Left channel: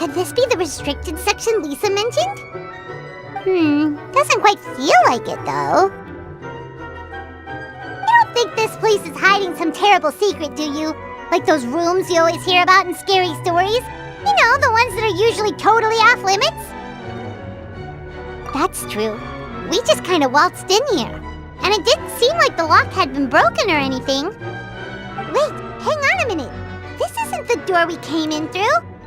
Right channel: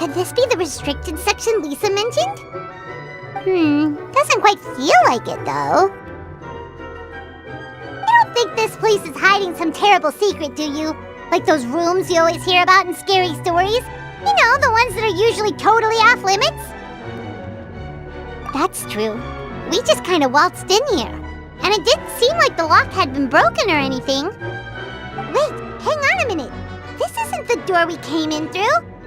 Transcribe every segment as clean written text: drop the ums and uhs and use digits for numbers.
Could this be the restricted section Lisa mentioned? Doesn't quite feel like it, though. You don't think this place is hiding some terrible secret, do you? Like those rooms you always hear about in scary stories? You know, the ones that are usually totally off limits? That's true. We just kind of waltzed in here. And it didn't seem like the lock had been broken or anything. Wait, hang on a minute. This isn't the door we came in through.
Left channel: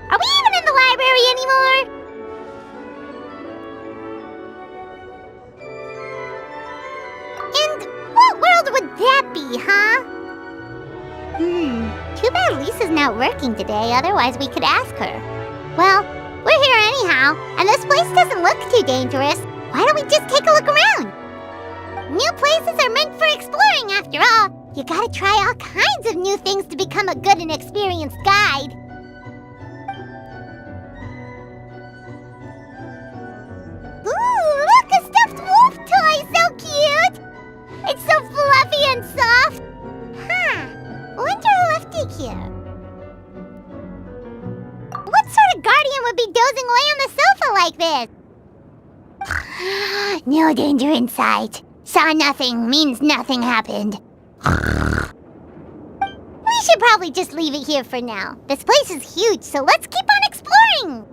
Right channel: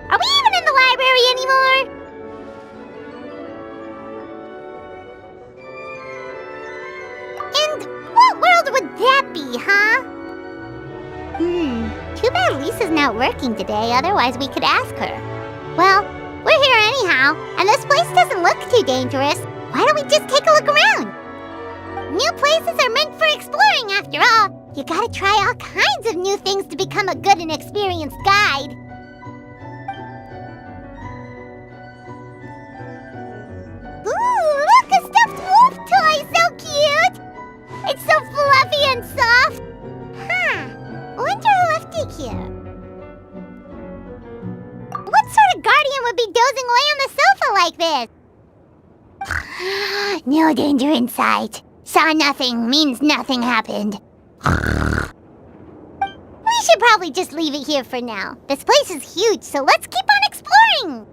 Are we even in the library anymore? And what world would that be, huh? Too bad Lisa's not working today, otherwise we could ask her. Well, we're here anyhow, and this place doesn't look too dangerous. Why don't we just take a look around? New places are meant for exploring, after all. You gotta try all kinds of new things to become a good and experienced guide. Ooh, look, a stuffed wolf toy! So cute! It's so fluffy and soft. Wonder who left it here. What sort of guardian would be dozing away on the sofa like this? No danger in sight. Saw nothing means nothing happened. We should probably just leave it here for now. This place is huge, so let's keep on exploring!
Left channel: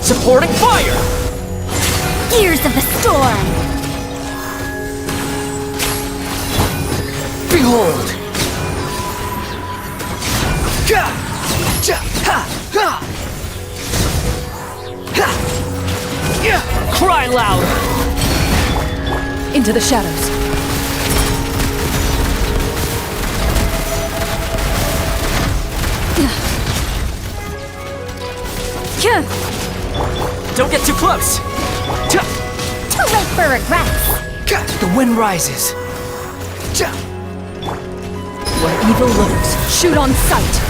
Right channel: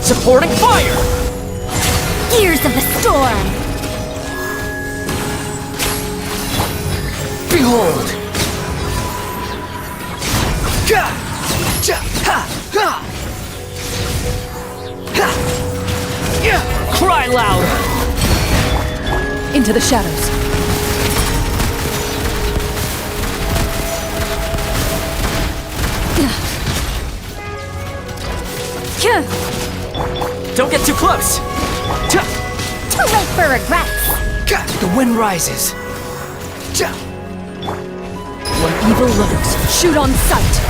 Supporting fire! Gears of the storm! Behold! Cry louder! Into the shadows. Don't get too close! Too late for regrets! The wind rises. Where evil lurks, shoot on sight.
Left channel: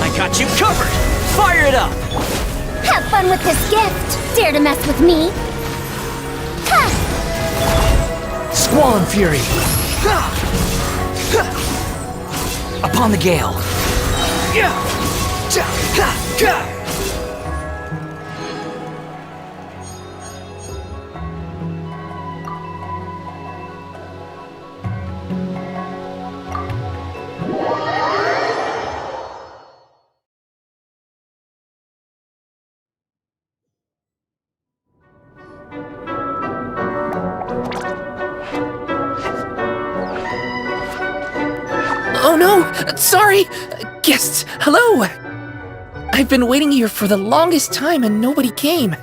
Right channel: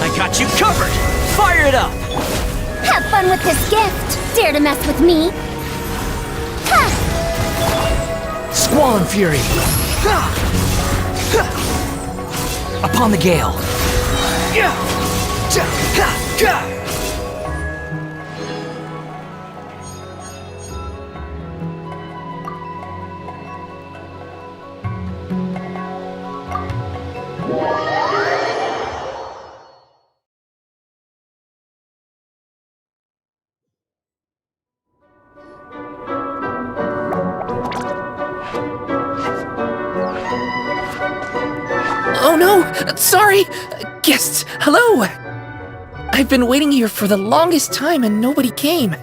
I got you covered! Fire it up! Have fun with this gift! Dare to mess with me? Ha! Squall and fury! Upon the gale! Oh no! Sorry! Guests, hello! I've been waiting here for the longest time and nobody came.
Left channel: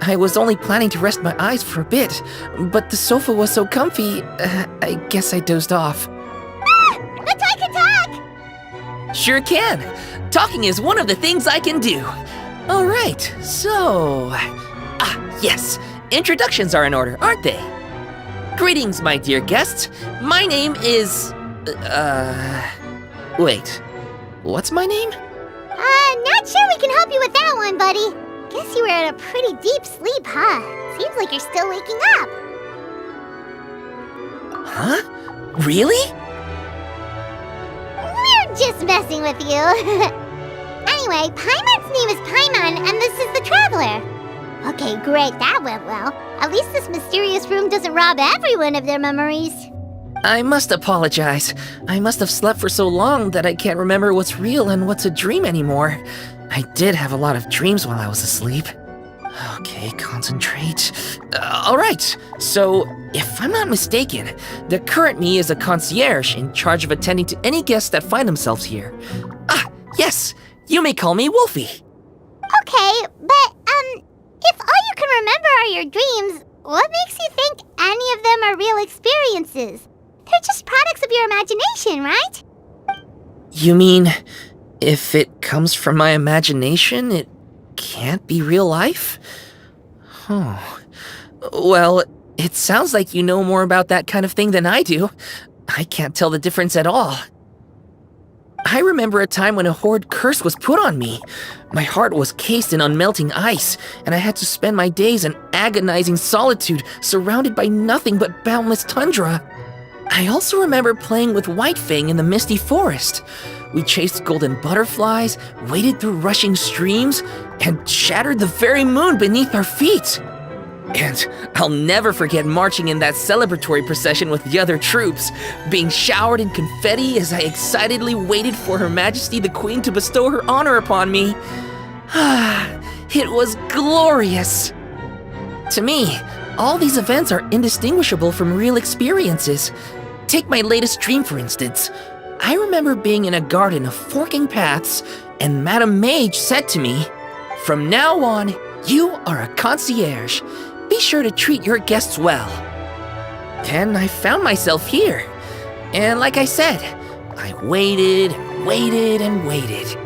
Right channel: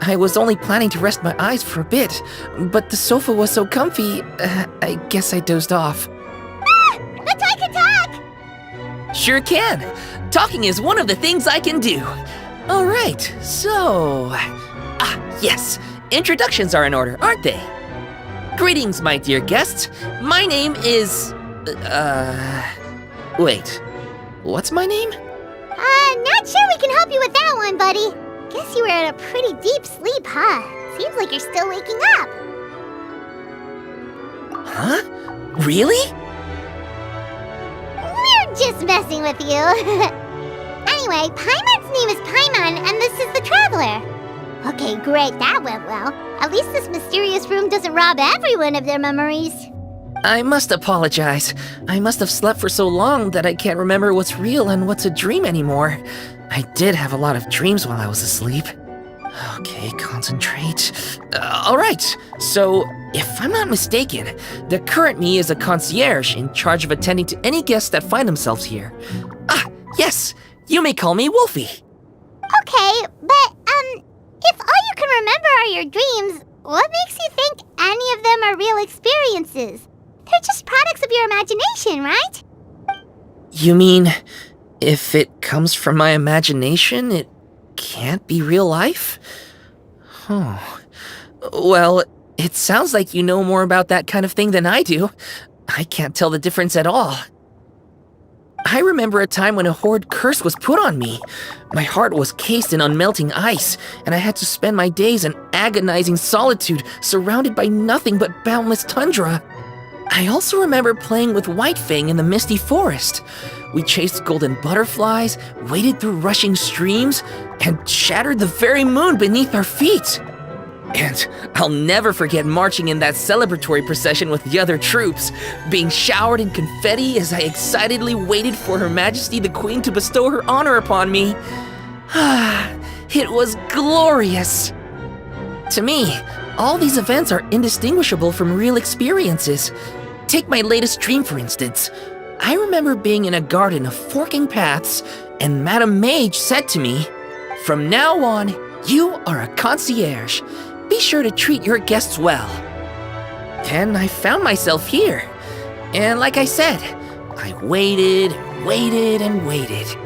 I was only planning to rest my eyes for a bit, but the sofa was so comfy, I guess I dozed off. Ah! That's I can talk! Sure can! Talking is one of the things I can do. Alright, so... yes. Introductions are in order, aren't they? Greetings, my dear guests. My name is... Wait. What's my name? Not sure we can help you with that one, buddy. Guess you were in a pretty deep sleep, huh? Seems like you're still waking up. Huh? Really? We're just messing with you. Anyway, Paimon's name is Paimon, and this is the Traveler. Okay, great, that went well. At least this mysterious room doesn't rob everyone of their memories. I must apologize. I must have slept for so long that I can't remember what's real and what's a dream anymore. I did have a lot of dreams while I was asleep. Okay, concentrate. Alright, so if I'm not mistaken, the current me is a concierge in charge of attending to any guests that find themselves here. Yes, you may call me Wolfie. Okay, but, if all you can remember are your dreams, what makes you think any of them are real experiences? They're just products of your imagination, right? You mean, if it comes from my imagination, it can't be real life? Oh. Well, it sounds like you know more about that kind of thing than I do. I can't tell the difference at all. I remember a time when a horrid curse was put on me. My heart was cased in unmelting ice, and I had to spend my days in agonizing solitude, surrounded by nothing but boundless tundra. I also remember playing with Whitefang in the misty forest. We chased golden butterflies, waded through rushing streams, and shattered the very moon beneath our feet. And I'll never forget marching in that celebratory procession with the other troops, being showered in confetti as I excitedly waited for Her Majesty the Queen to bestow her honor upon me. It was glorious. To me, all these events are indistinguishable from real experiences. Take my latest dream, for instance. I remember being in a garden of forking paths, and Madame Mage said to me, "From now on, you are a concierge. Be sure to treat your guests well." And I found myself here. And like I said, I waited and waited and waited.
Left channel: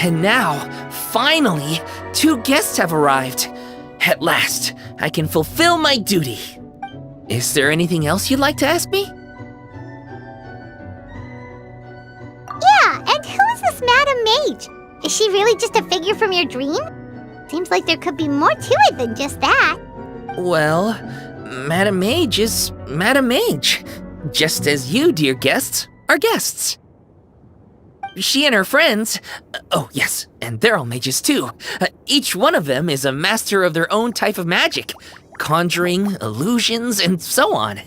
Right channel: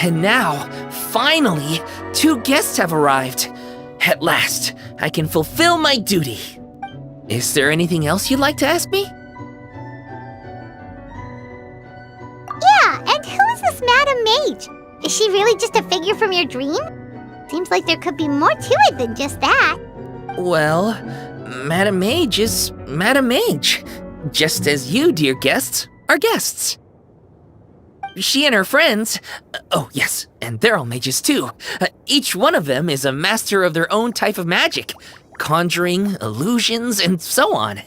And now, finally, 2 guests have arrived. At last, I can fulfill my duty. Is there anything else you'd like to ask me? Yeah, and who is this Madame Mage? Is she really just a figure from your dream? Seems like there could be more to it than just that. Well, Madame Mage is Madame Mage, just as you, dear guests, are guests. She and her friends, oh yes, and they're all mages too. Each one of them is a master of their own type of magic, conjuring, illusions, and so on.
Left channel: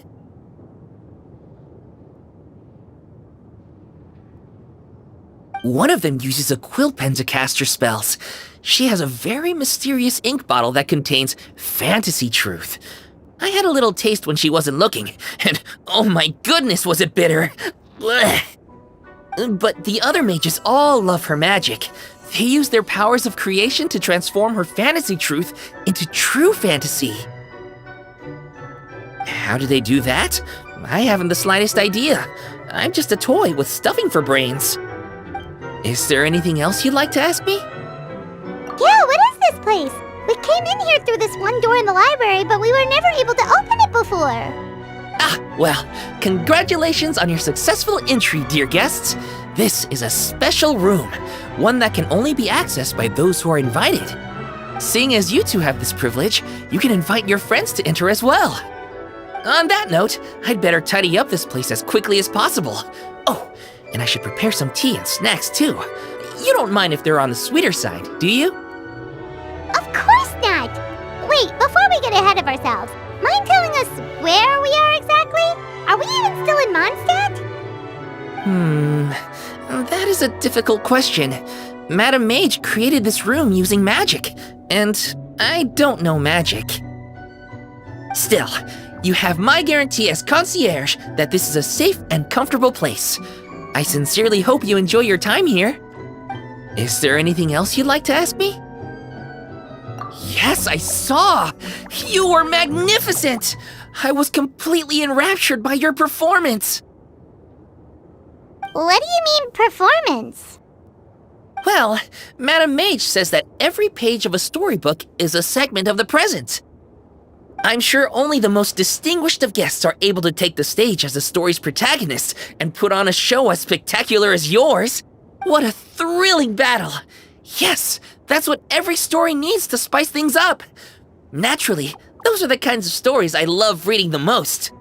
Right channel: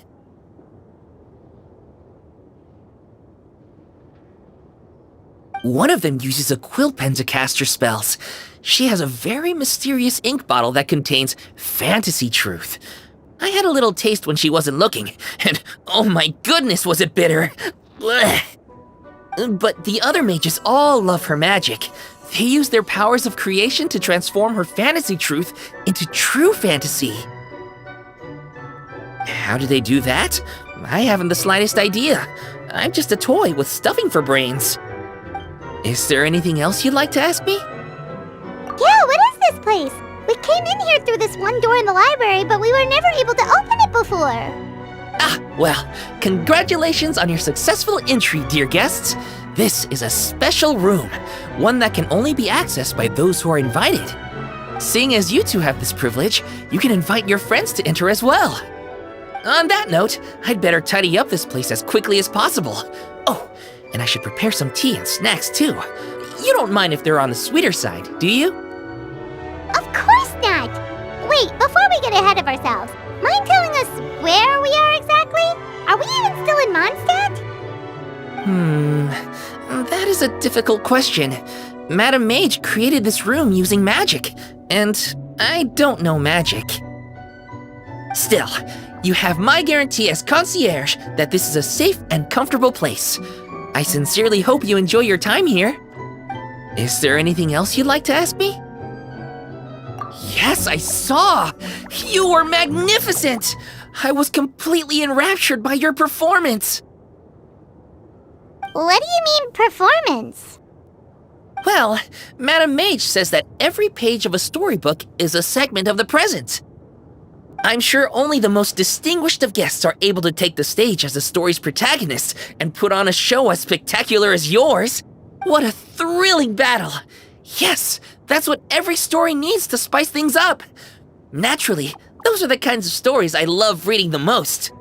One of them uses a quill pen to cast her spells. She has a very mysterious ink bottle that contains fantasy truth. I had a little taste when she wasn't looking, and oh my goodness was it bitter! Blech. But the other mages all love her magic. They use their powers of creation to transform her fantasy truth into true fantasy. How do they do that? I haven't the slightest idea. I'm just a toy with stuffing for brains. Is there anything else you'd like to ask me? Yeah, what is this place? We came in here through this one door in the library, but we were never able to open it before. Ah, well, congratulations on your successful entry, dear guests. This is a special room, one that can only be accessed by those who are invited. Seeing as you two have this privilege, you can invite your friends to enter as well. On that note, I'd better tidy up this place as quickly as possible. Oh, and I should prepare some tea and snacks too. You don't mind if they're on the sweeter side, do you? Of course not! Wait, before we get ahead of ourselves, mind telling us where we are exactly? Are we even still in Mondstadt? That is a difficult question. Madame Mage created this room using magic, and I don't know magic. Still, you have my guarantee as concierge that this is a safe and comfortable place. I sincerely hope you enjoy your time here. Is there anything else you'd like to ask me? Yes, I saw! You were magnificent! I was completely enraptured by your performance. What do you mean, performance? Well, Madame Mage says that every page of a storybook is a segment of the present. I'm sure only the most distinguished of guests are able to take the stage as the story's protagonist and put on a show as spectacular as yours. What a thrilling battle! Yes, that's what every story needs to spice things up. Naturally, those are the kinds of stories I love reading the most.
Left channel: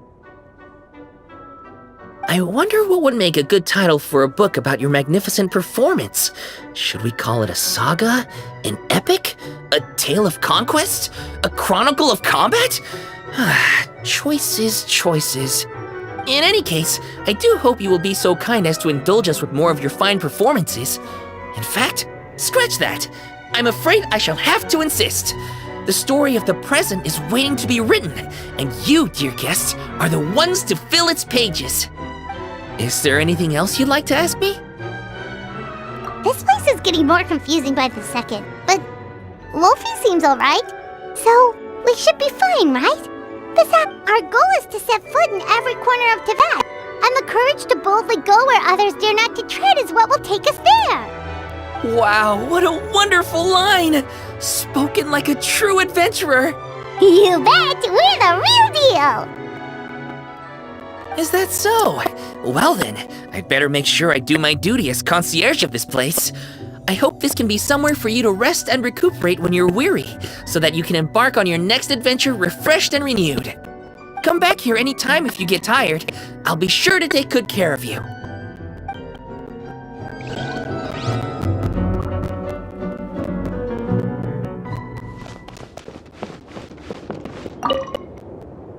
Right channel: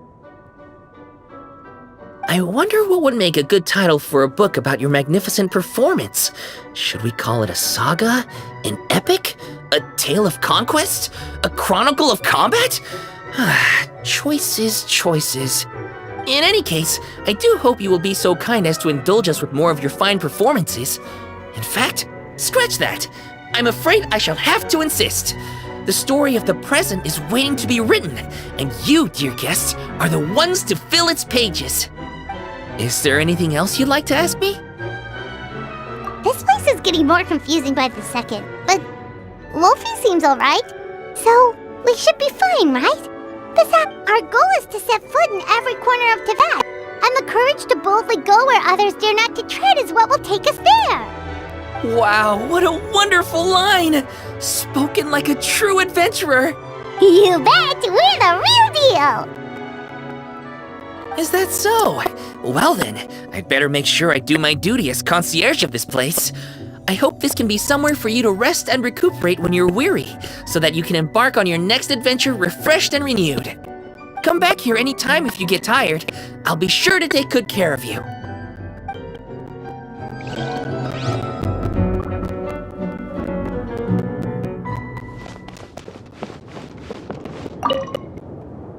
I wonder what would make a good title for a book about your magnificent performance. Should we call it a saga? An epic? A tale of conquest? A chronicle of combat? Choices, choices. In any case, I do hope you will be so kind as to indulge us with more of your fine performances. In fact, scratch that. I'm afraid I shall have to insist. The story of the present is waiting to be written, and you, dear guests, are the ones to fill its pages. Is there anything else you'd like to ask me? This place is getting more confusing by the second, but Wolfie seems alright. So, we should be fine, right? Our goal is to set foot in every corner of Teyvat, and the courage to boldly go where others dare not to tread is what will take us there. Wow, what a wonderful line! Spoken like a true adventurer! You bet! We're the real deal! Is that so? Well then, I'd better make sure I do my duty as concierge of this place. I hope this can be somewhere for you to rest and recuperate when you're weary, so that you can embark on your next adventure refreshed and renewed. Come back here anytime if you get tired. I'll be sure to take good care of you.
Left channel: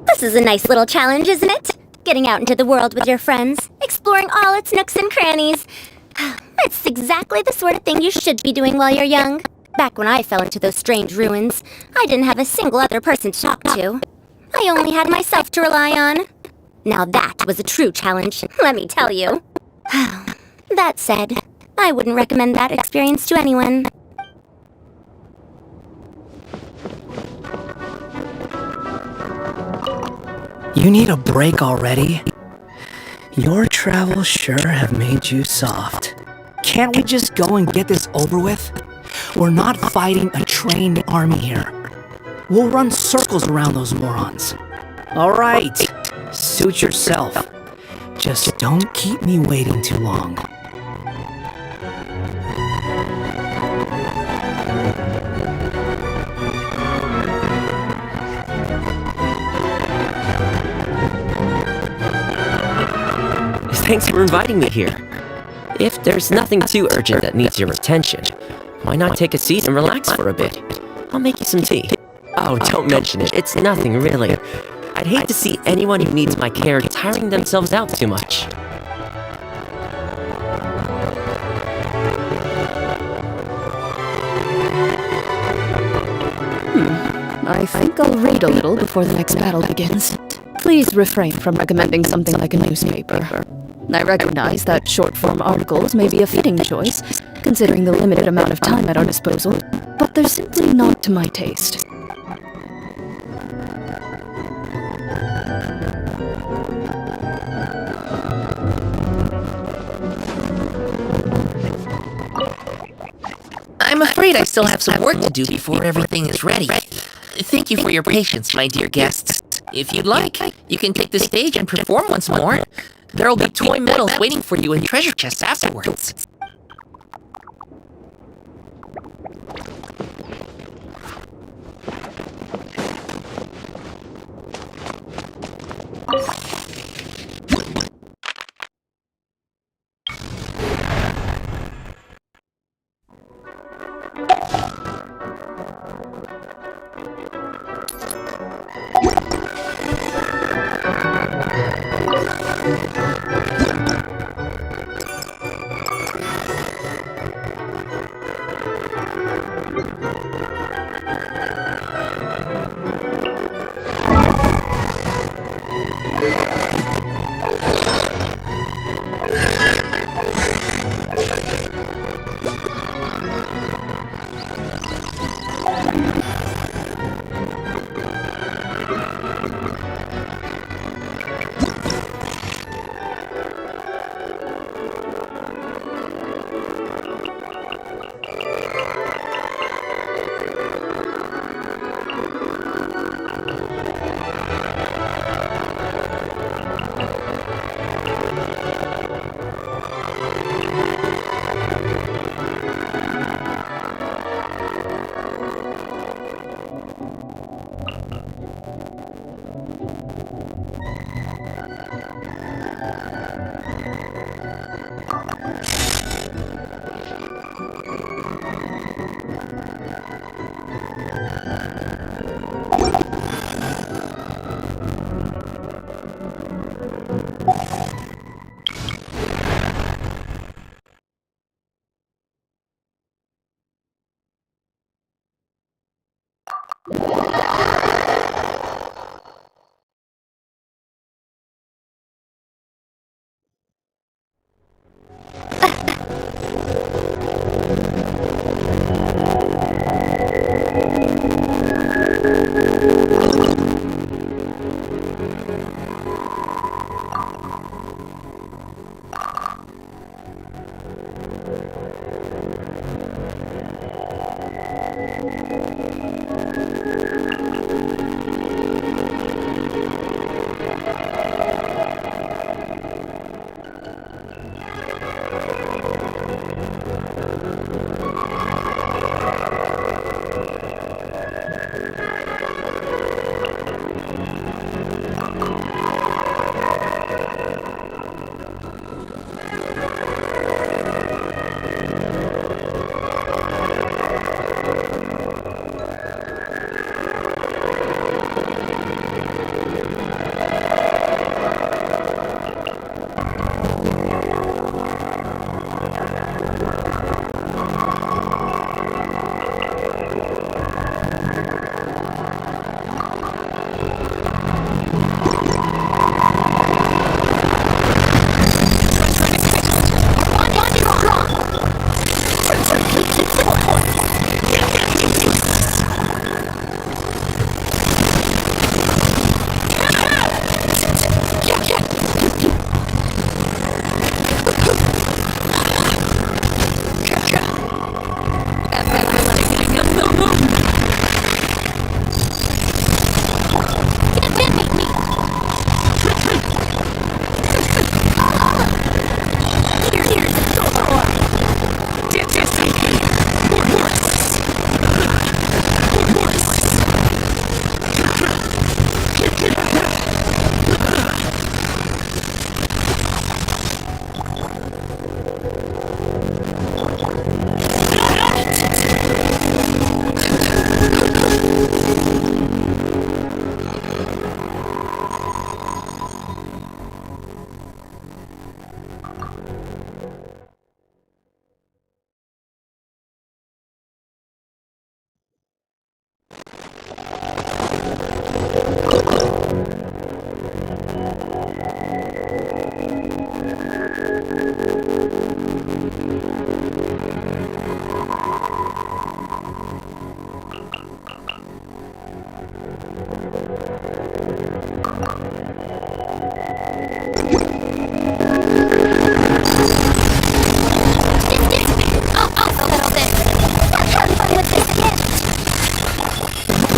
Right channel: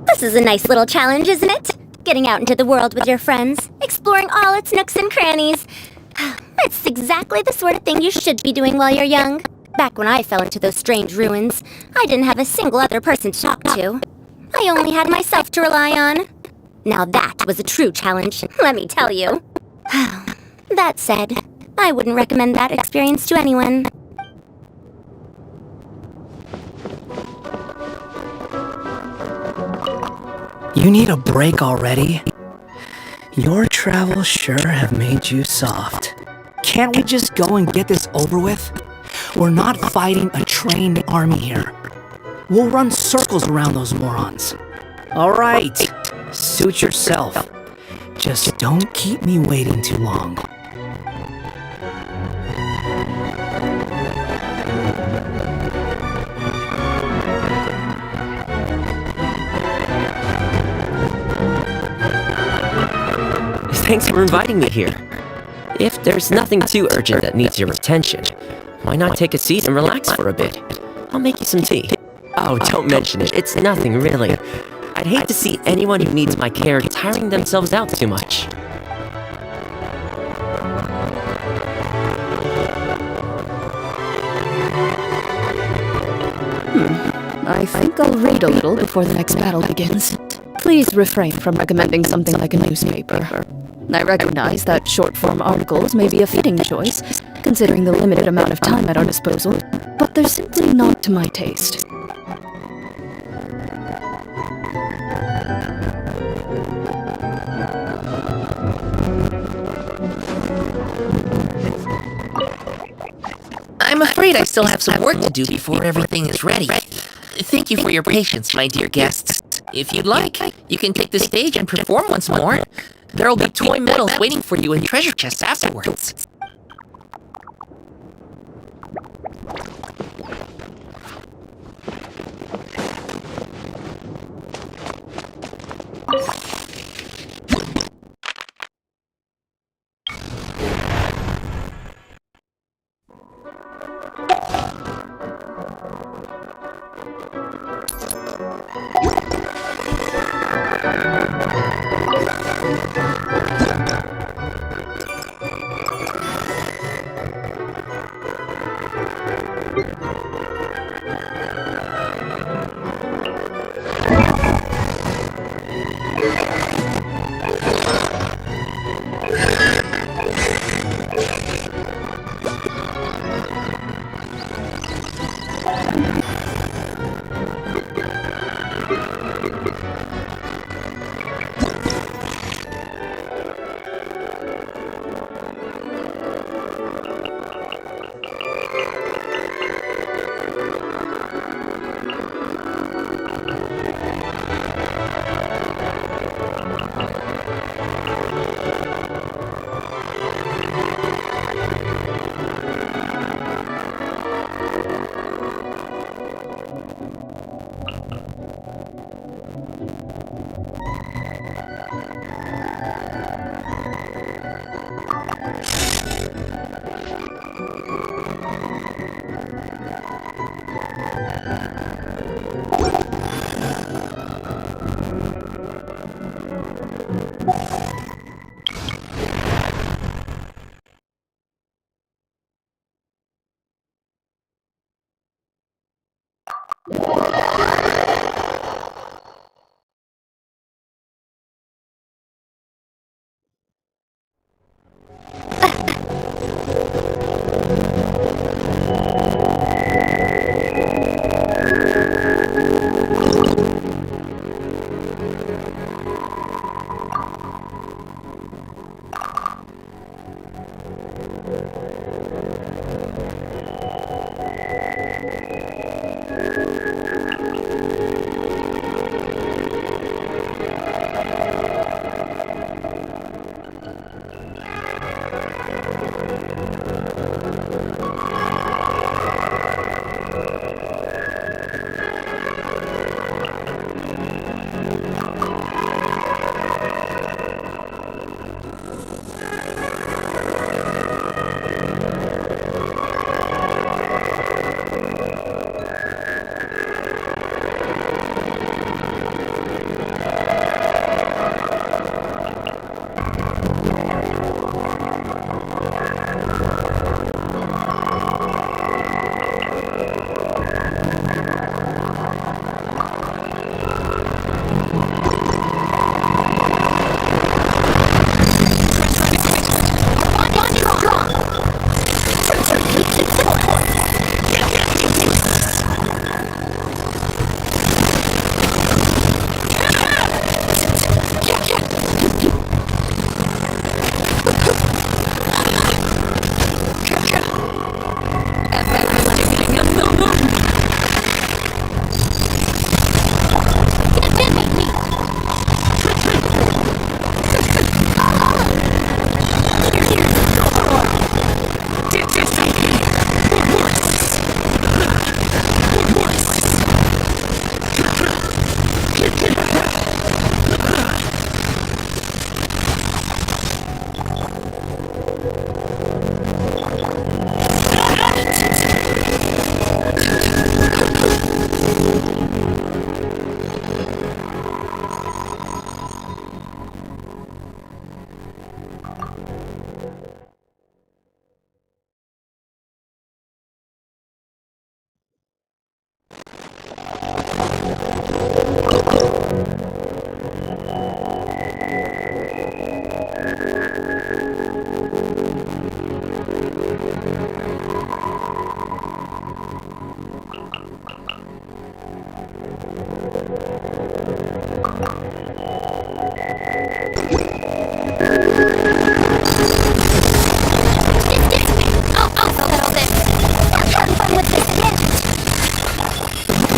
This is a nice little challenge, isn't it? Getting out into the world with your friends, exploring all its nooks and crannies. It's exactly the sort of thing you should be doing while you're young. Back when I fell into those strange ruins, I didn't have a single other person to talk to. I only had myself to rely on. Now that was a true challenge, let me tell you. That said, I wouldn't recommend that experience to anyone. You need a break already? Your travels sure have made you soft. Can't we just go and get this over with? We're not fighting a trained army here. We'll run circles around those morons. Alright, suit yourself. Just don't keep me waiting too long. Thanks for inviting me here. If there's nothing too urgent that needs your attention, why not take a seat and relax for a bit? I'll make you some tea. Oh, don't mention it. It's nothing, really. I'd hate to see anyone who needs my care tiring themselves out too much. I think I'll read a little before the next battle begins. Please refrain from recommending something like a newspaper. I recognize that short-form articles may be a fitting choice, considering the limited amount of time at our disposal, but they're simply not to my taste. I'm afraid I still have some work to do before everything is ready. Thank you for your patience, my dear guests. If you'd like, you can take the stage and perform once more. There'll be toy medals waiting for you in treasure chests afterwards.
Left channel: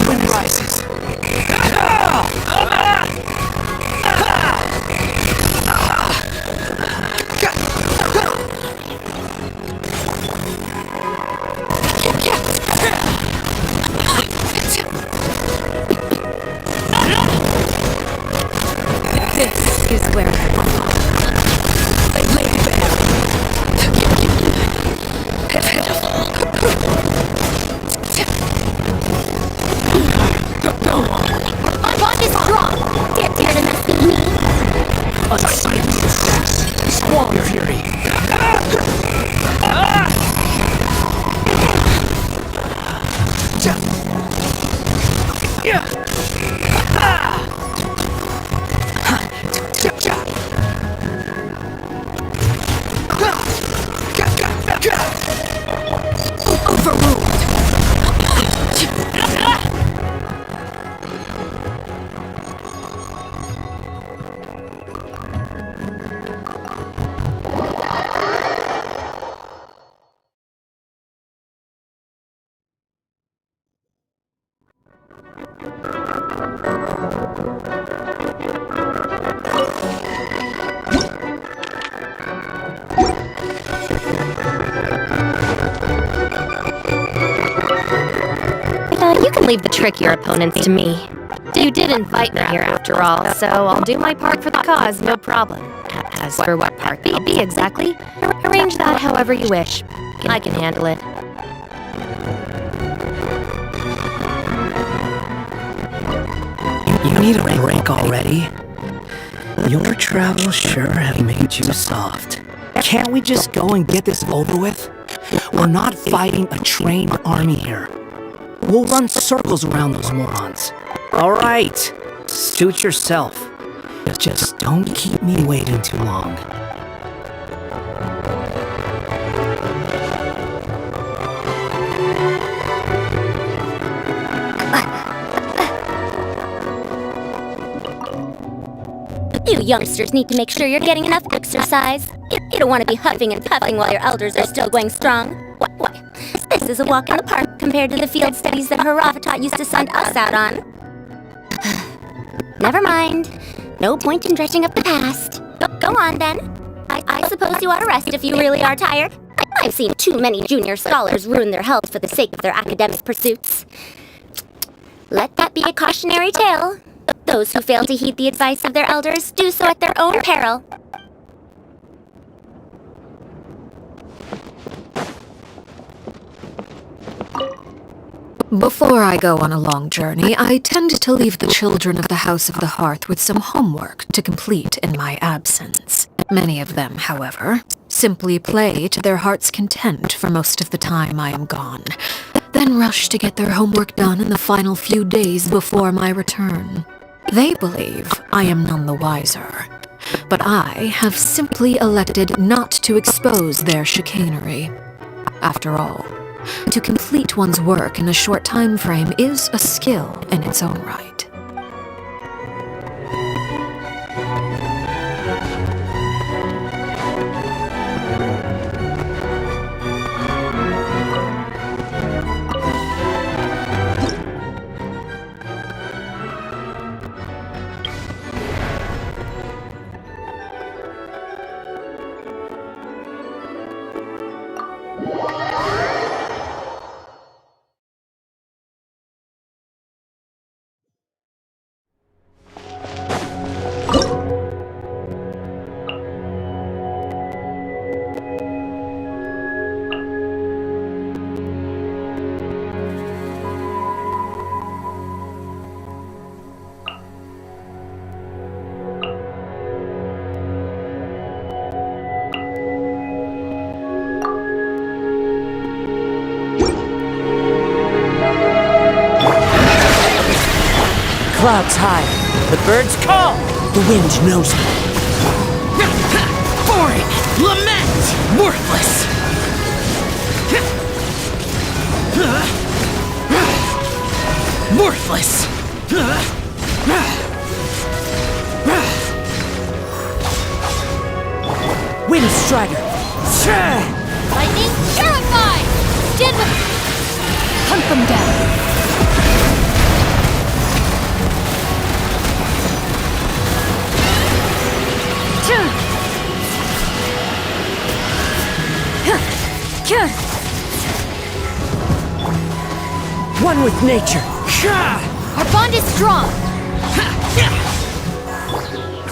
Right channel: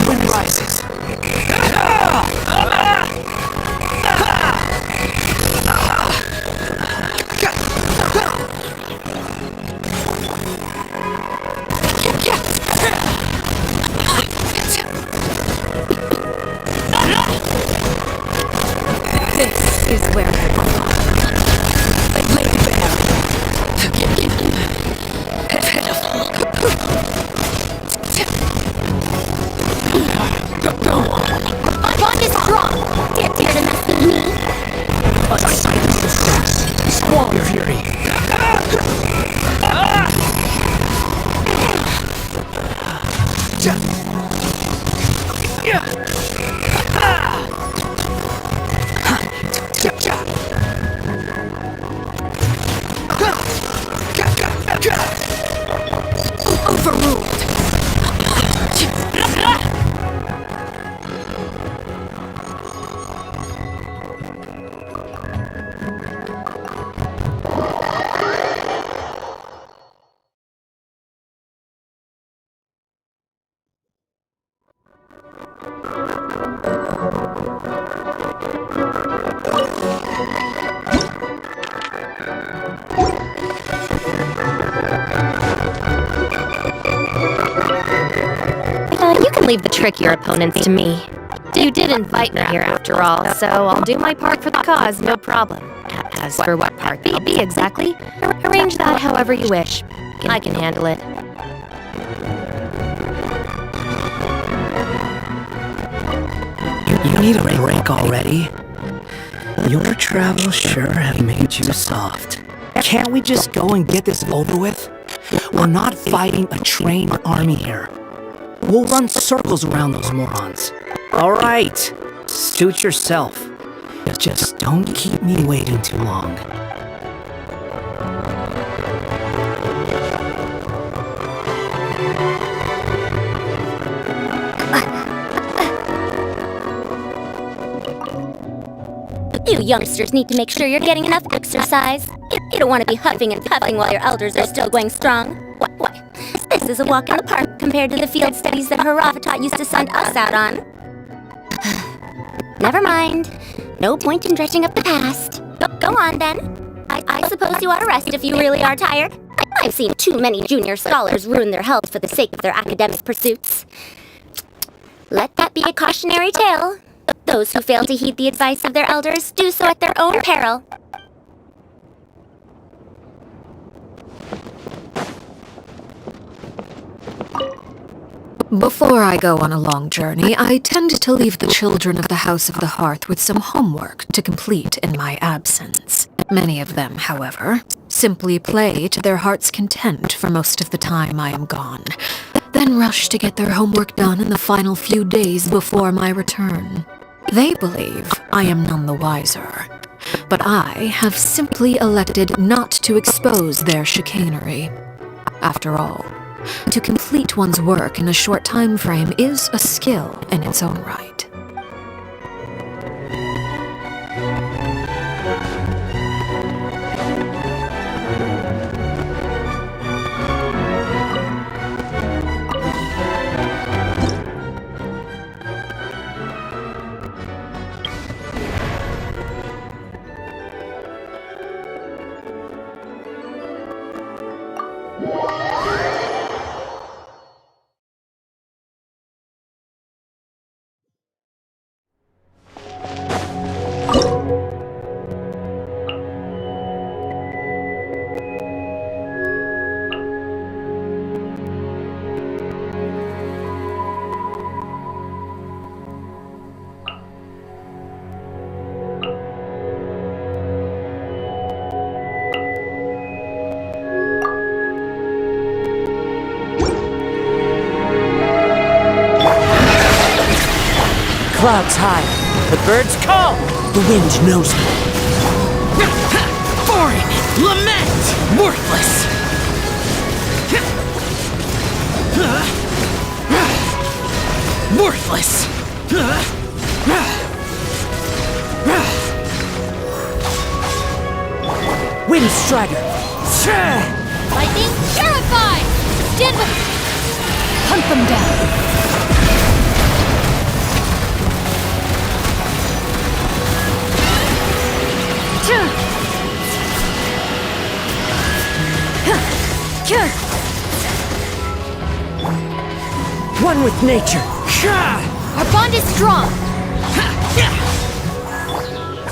Wind rises. This is where I belong. Lady Bear. Go on. My bond is strong. Dare to mess with me. Unsighted steps. Squall your fury. Overruled. You can leave the trickier opponents to me. You did invite me here after all, so I'll do my part for the cause, no problem. As for what part that'll be exactly, arrange that however you wish. I can handle it. You need a break already? Your travels sure have made you soft. Can't we just go and get this over with? We're not fighting a trained army here. We'll run circles around those morons. Alright, suit yourself. Just don't keep me waiting too long. You youngsters need to make sure you're getting enough exercise. You don't want to be huffing and puffing while your elders are still going strong. Why? This is a walk in the park compared to the field studies that Haravatat used to send us out on. Never mind. No point in dredging up the past. Go on, then. I suppose you ought to rest if you really are tired. I've seen too many junior scholars ruin their health for the sake of their academic pursuits. Let that be a cautionary tale. Those who fail to heed the advice of their elders do so at their own peril. Before I go on a long journey, I tend to leave the children of the House of the Hearth with some homework to complete in my absence. Many of them, however, simply play to their heart's content for most of the time I am gone, then rush to get their homework done in the final few days before my return. They believe I am none the wiser, but I have simply elected not to expose their chicanery. After all, to complete one's work in a short time frame is a skill in its own right. clouds high. The birds call. The wind knows me. Boring. Lament. Worthless. Worthless. Wind Strider. Lightning Purify! Stand with... Hunt them down. One with nature. Our bond is strong.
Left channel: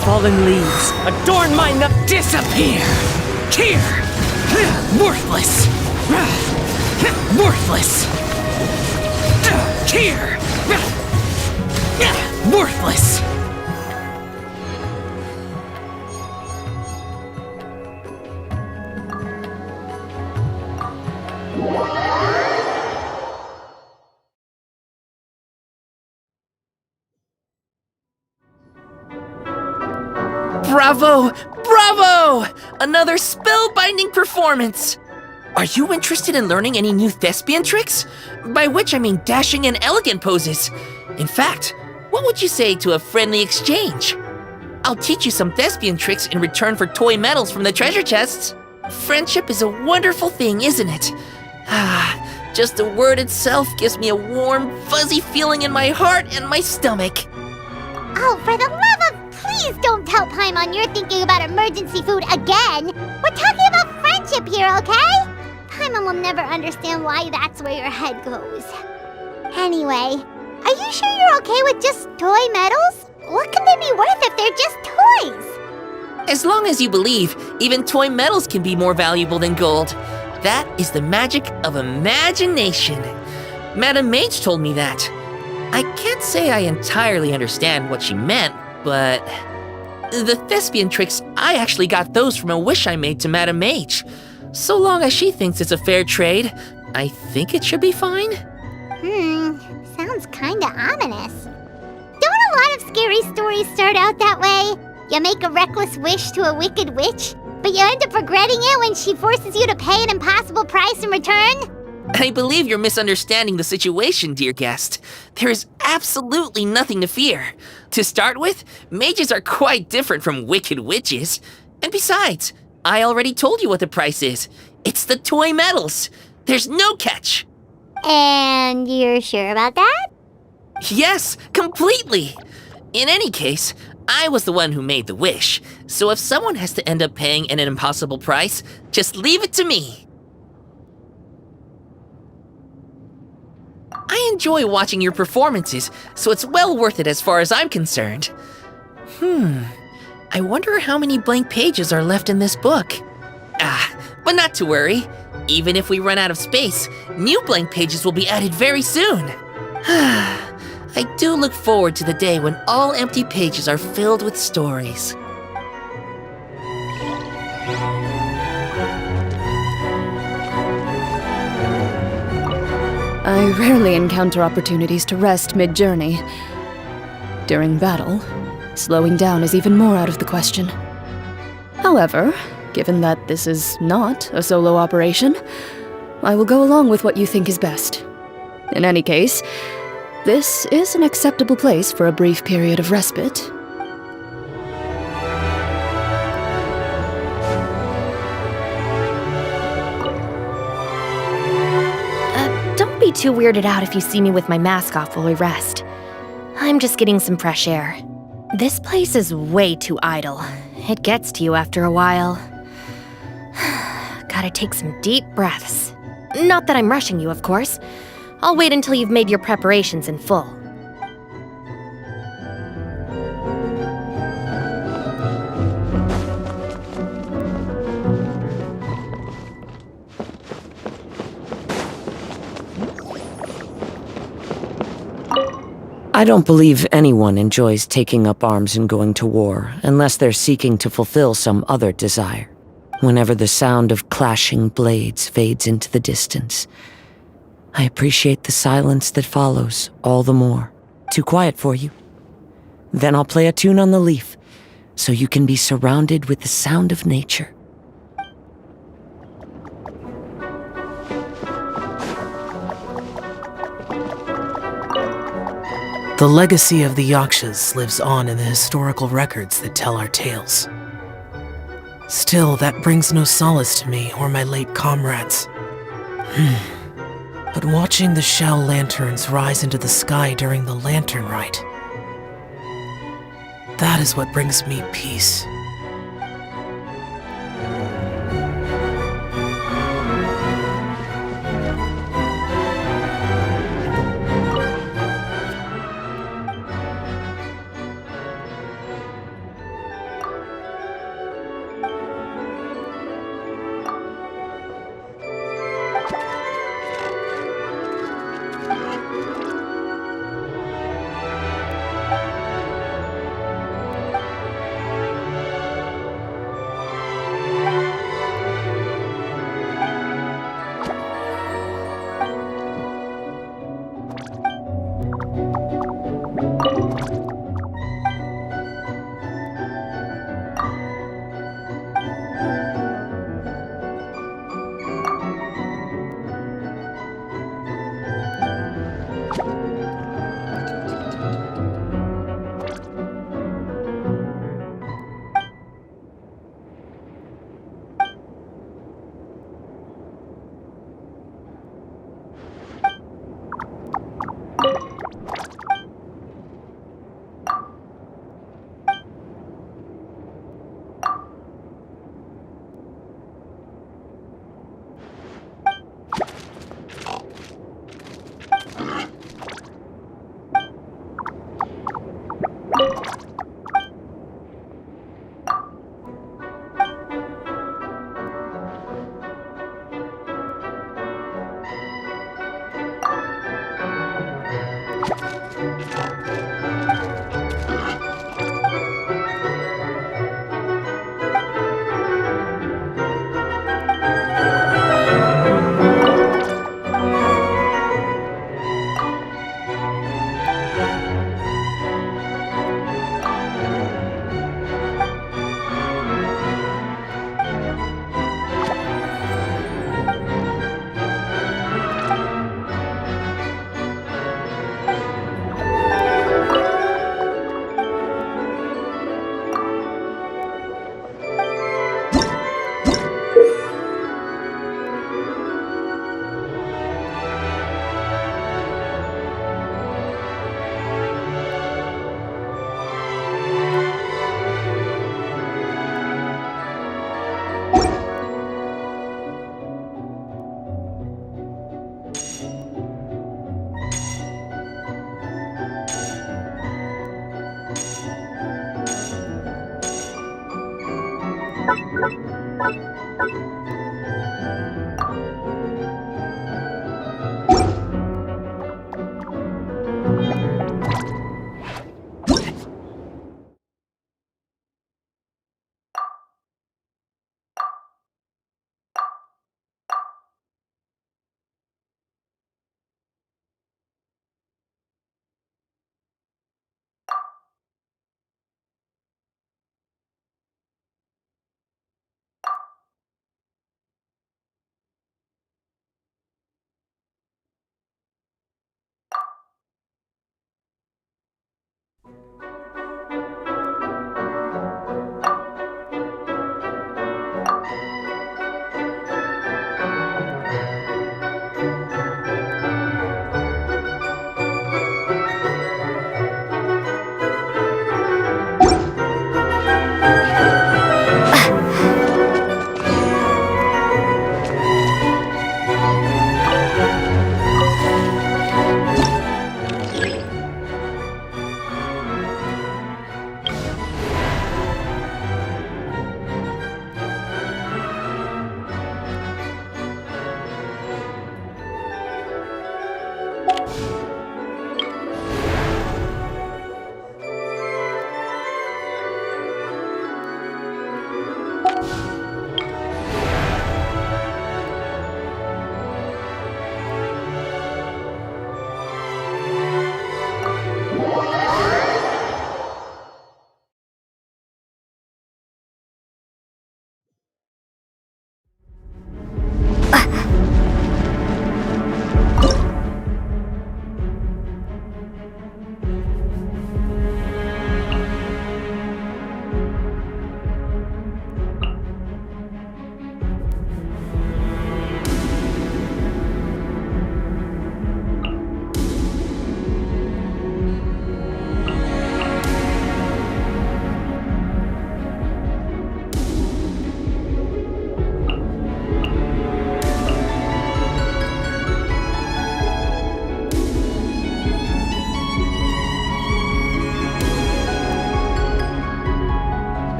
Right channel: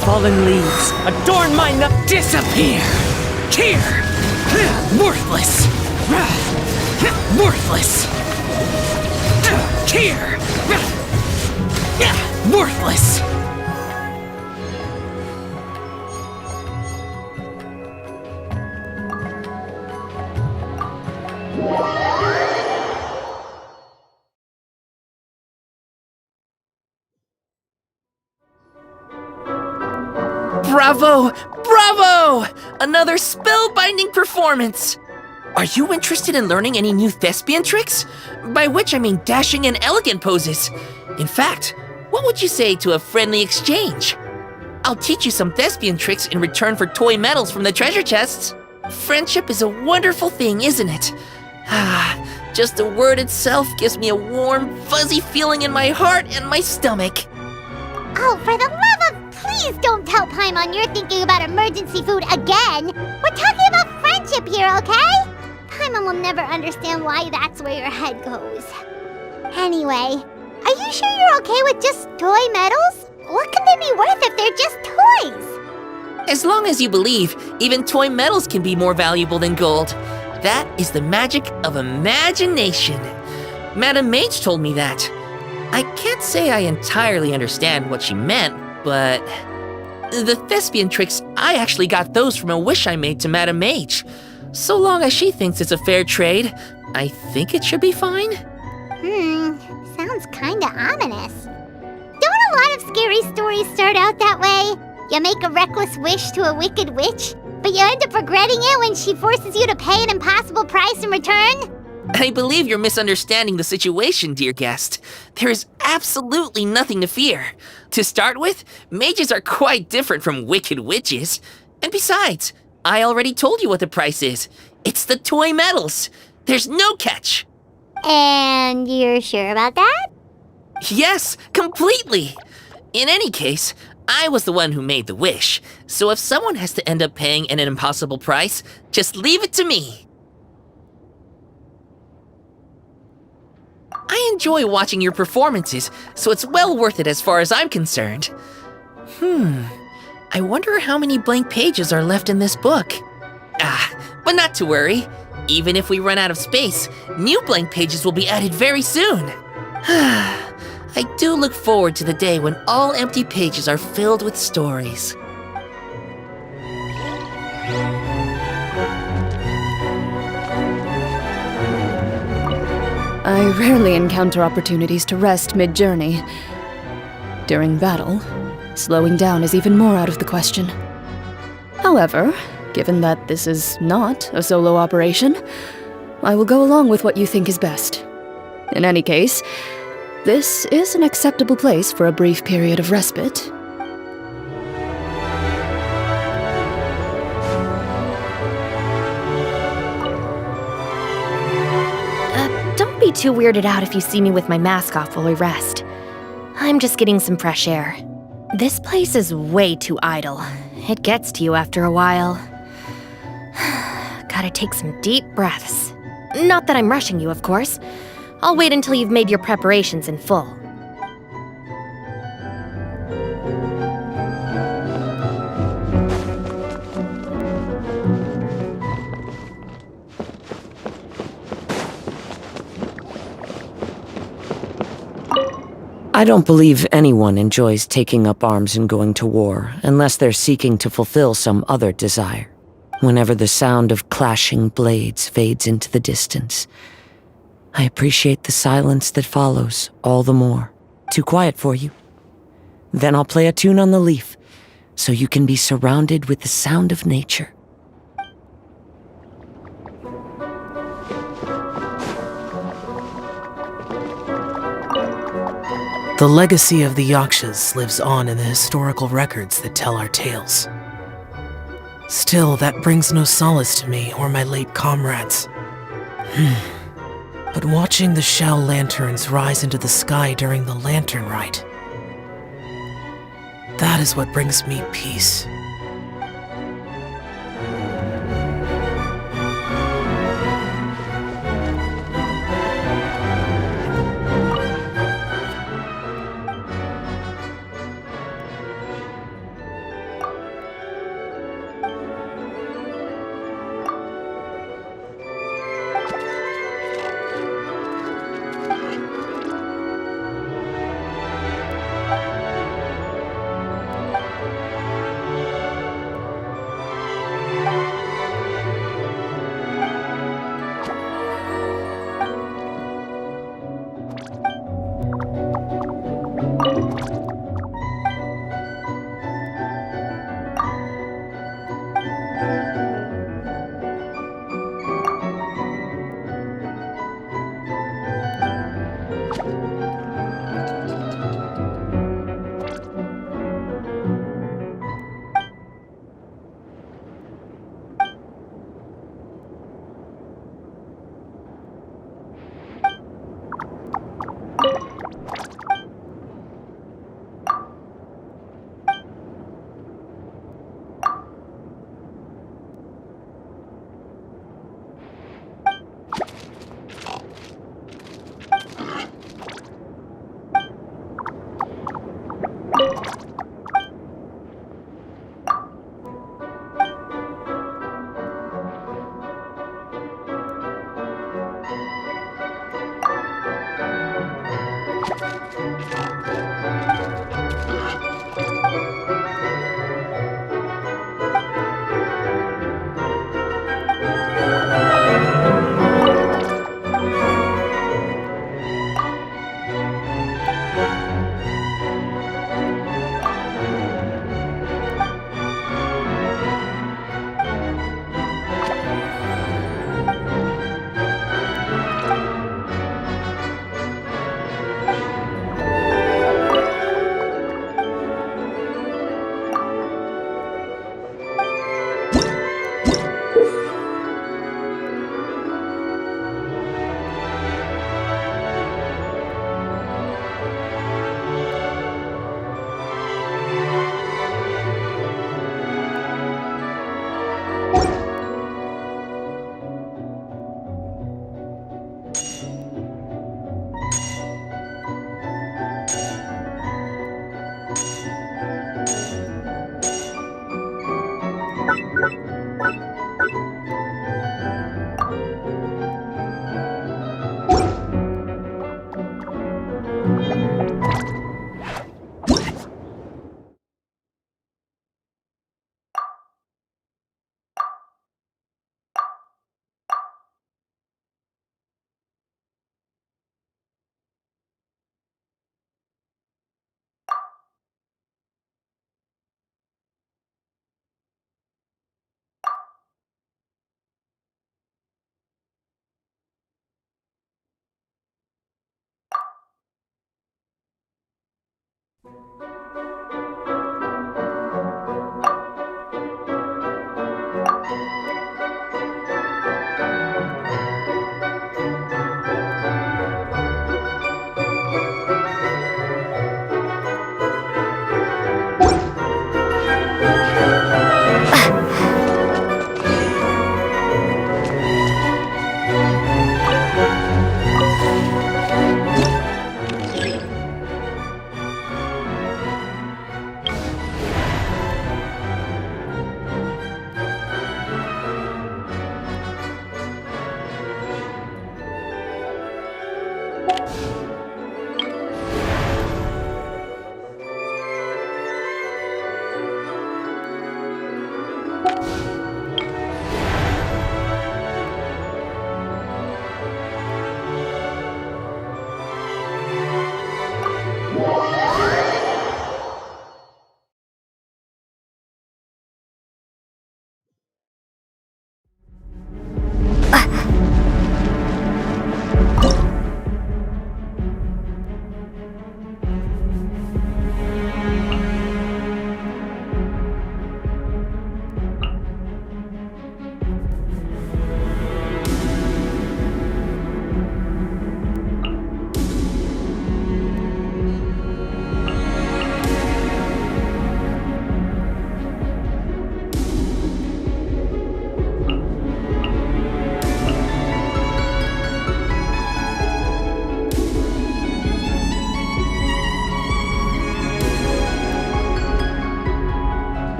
Fallen leaves adorn my nut. Disappear. Here. Worthless. Worthless. Here. Worthless. Bravo! Bravo! Another spellbinding performance! Are you interested in learning any new thespian tricks? By which I mean dashing and elegant poses. In fact, what would you say to a friendly exchange? I'll teach you some thespian tricks in return for toy medals from the treasure chests. Friendship is a wonderful thing, isn't it? Just the word itself gives me a warm, fuzzy feeling in my heart and my stomach. Oh, for the love of... Please don't tell Paimon you're thinking about emergency food again! We're talking about friendship here, okay? Paimon will never understand why that's where your head goes. Anyway, are you sure you're okay with just toy medals? What can they be worth if they're just toys? As long as you believe, even toy medals can be more valuable than gold. That is the magic of imagination. Madame Mage told me that. I can't say I entirely understand what she meant, but... The thespian tricks, I actually got those from a wish I made to Madame Mage. So long as she thinks it's a fair trade, I think it should be fine. Sounds kinda ominous. Don't a lot of scary stories start out that way? You make a reckless wish to a wicked witch, but you end up regretting it when she forces you to pay an impossible price in return? I believe you're misunderstanding the situation, dear guest. There is absolutely nothing to fear. To start with, mages are quite different from wicked witches. And besides, I already told you what the price is. It's the toy medals. There's no catch. And you're sure about that? Yes, completely. In any case, I was the one who made the wish. So if someone has to end up paying an impossible price, just leave it to me. I enjoy watching your performances, so it's well worth it as far as I'm concerned. I wonder how many blank pages are left in this book. But not to worry. Even if we run out of space, new blank pages will be added very soon. I do look forward to the day when all empty pages are filled with stories. I rarely encounter opportunities to rest mid-journey. During battle, slowing down is even more out of the question. However, given that this is not a solo operation, I will go along with what you think is best. In any case, this is an acceptable place for a brief period of respite. Don't be too weirded out if you see me with my mask off while we rest. I'm just getting some fresh air. This place is way too idle. It gets to you after a while. Gotta take some deep breaths. Not that I'm rushing you, of course. I'll wait until you've made your preparations in full. I don't believe anyone enjoys taking up arms and going to war unless they're seeking to fulfill some other desire. Whenever the sound of clashing blades fades into the distance, I appreciate the silence that follows all the more. Too quiet for you? Then I'll play a tune on the leaf, so you can be surrounded with the sound of nature. The legacy of the Yakshas lives on in the historical records that tell our tales. Still, that brings no solace to me or my late comrades. But watching the shell lanterns rise into the sky during the lantern rite, that is what brings me peace.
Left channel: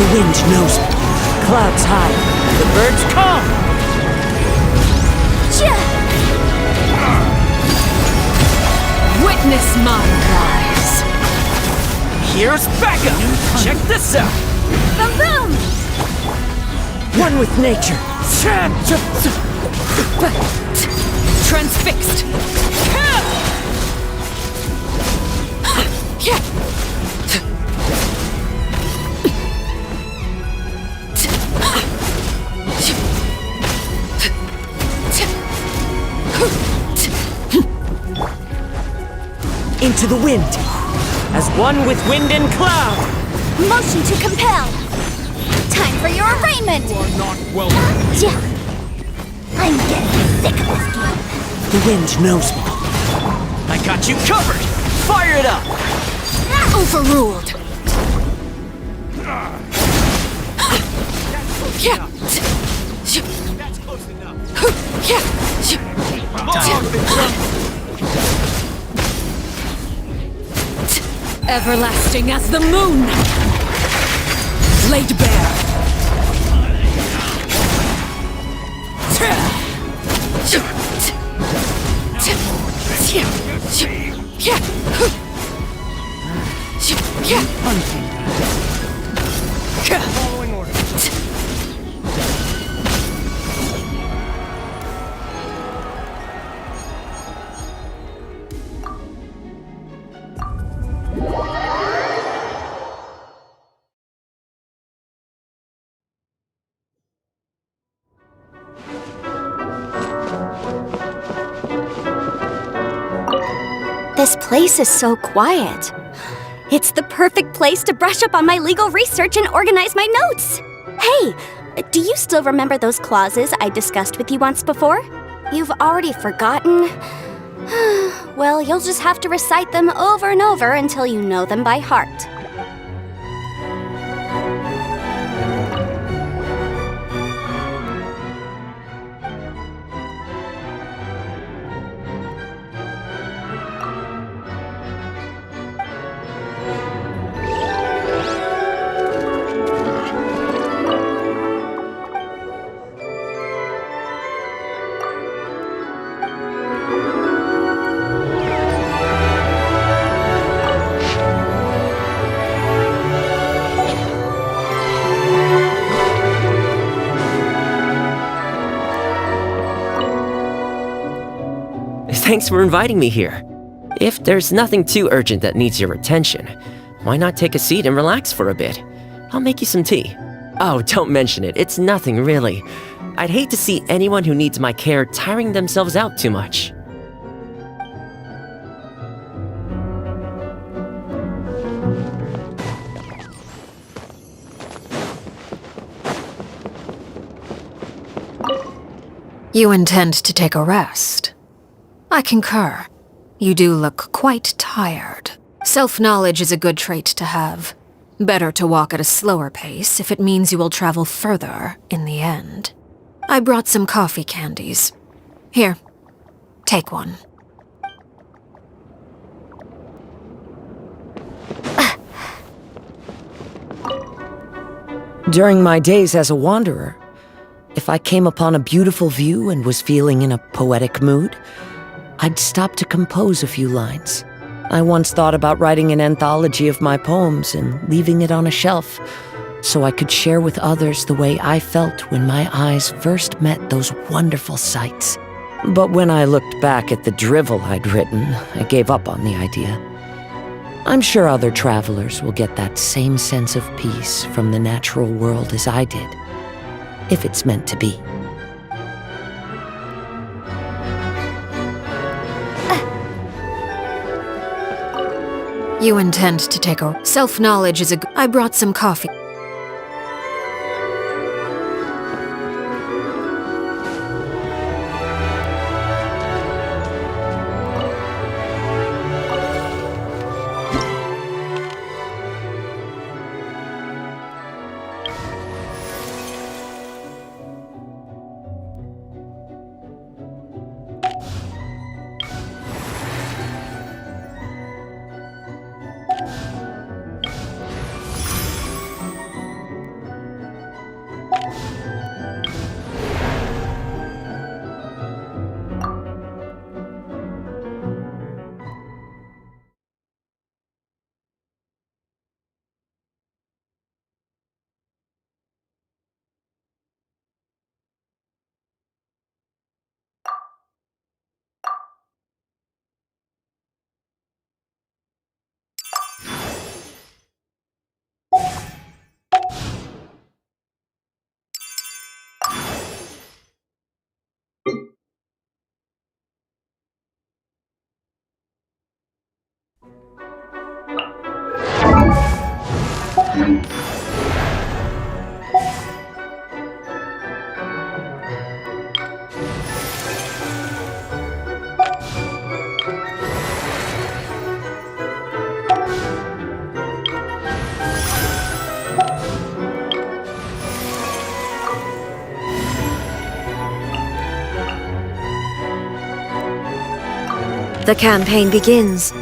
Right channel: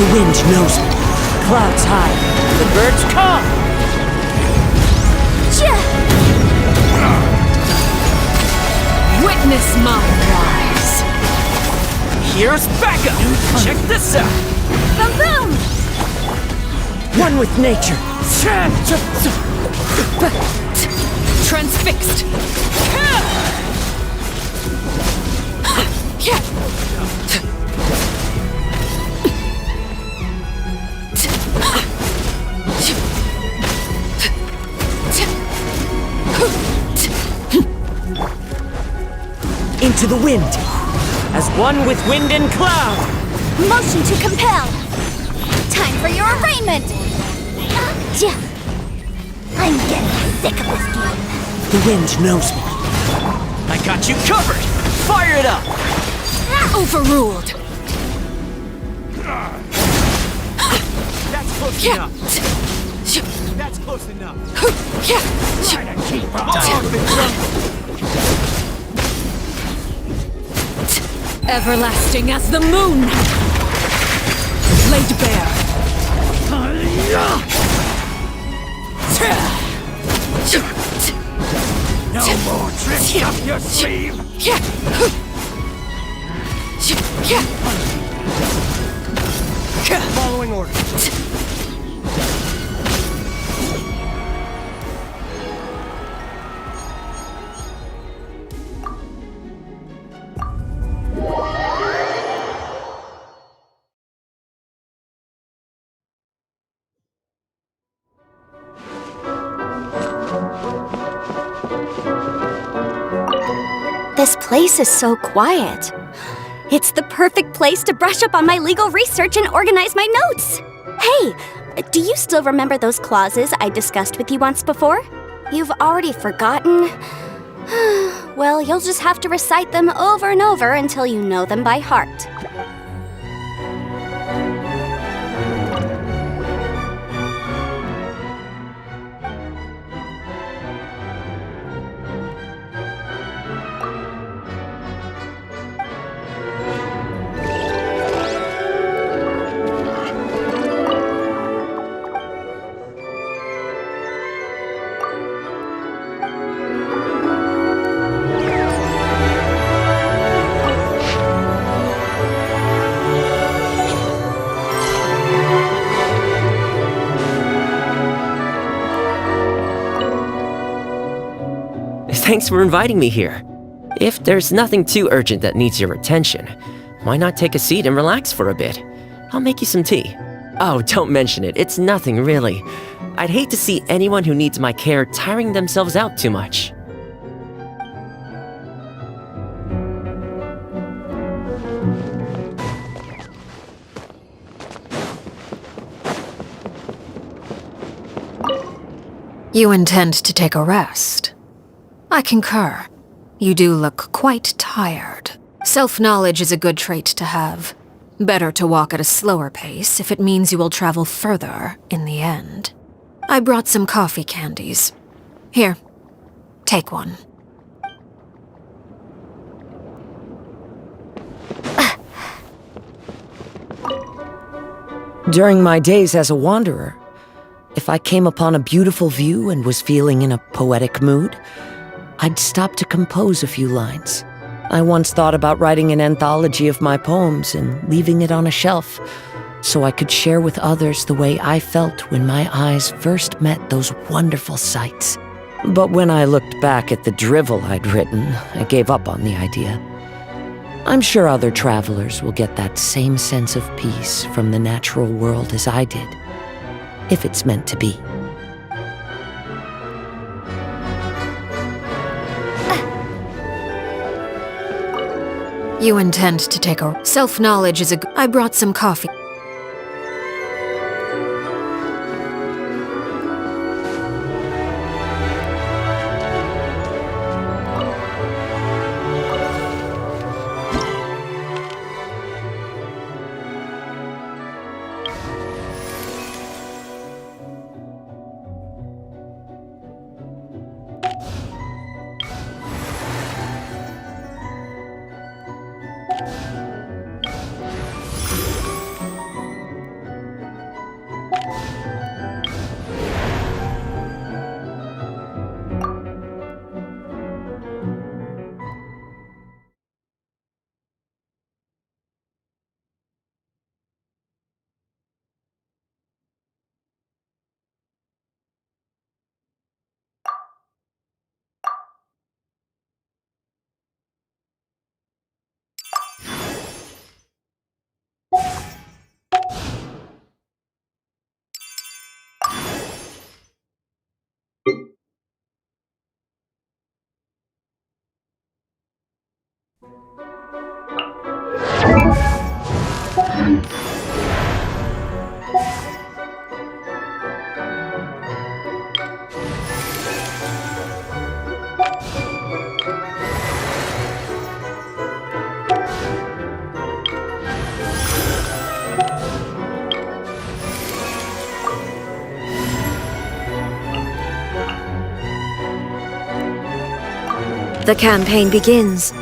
The wind knows me. Clouds high. The birds come! Witness my rise. Here's backup! Check this out! Boom boom! One with nature. Transfixed. Into the wind. As one with wind and cloud! Motion to compel. Time for your arraignment. I'm getting sick of this game. The wind knows me. I got you covered! Fire it up! Overruled. That's close enough. Everlasting as the moon. Laid bare. This place is so quiet. It's the perfect place to brush up on my legal research and organize my notes. Hey, do you still remember those clauses I discussed with you once before? You've already forgotten? Well, you'll just have to recite them over and over until you know them by heart. Thanks for inviting me here. If there's nothing too urgent that needs your attention, why not take a seat and relax for a bit? I'll make you some tea. Oh, don't mention it. It's nothing, really. I'd hate to see anyone who needs my care tiring themselves out too much. You intend to take a rest? I concur. You do look quite tired. Self-knowledge is a good trait to have. Better to walk at a slower pace if it means you will travel further in the end. I brought some coffee candies. Here, take one. During my days as a wanderer, if I came upon a beautiful view and was feeling in a poetic mood, I'd stop to compose a few lines. I once thought about writing an anthology of my poems and leaving it on a shelf so I could share with others the way I felt when my eyes first met those wonderful sights. But when I looked back at the drivel I'd written, I gave up on the idea. I'm sure other travelers will get that same sense of peace from the natural world as I did, if it's meant to be. You intend to take a... Self-knowledge is a... I brought some coffee. The campaign begins.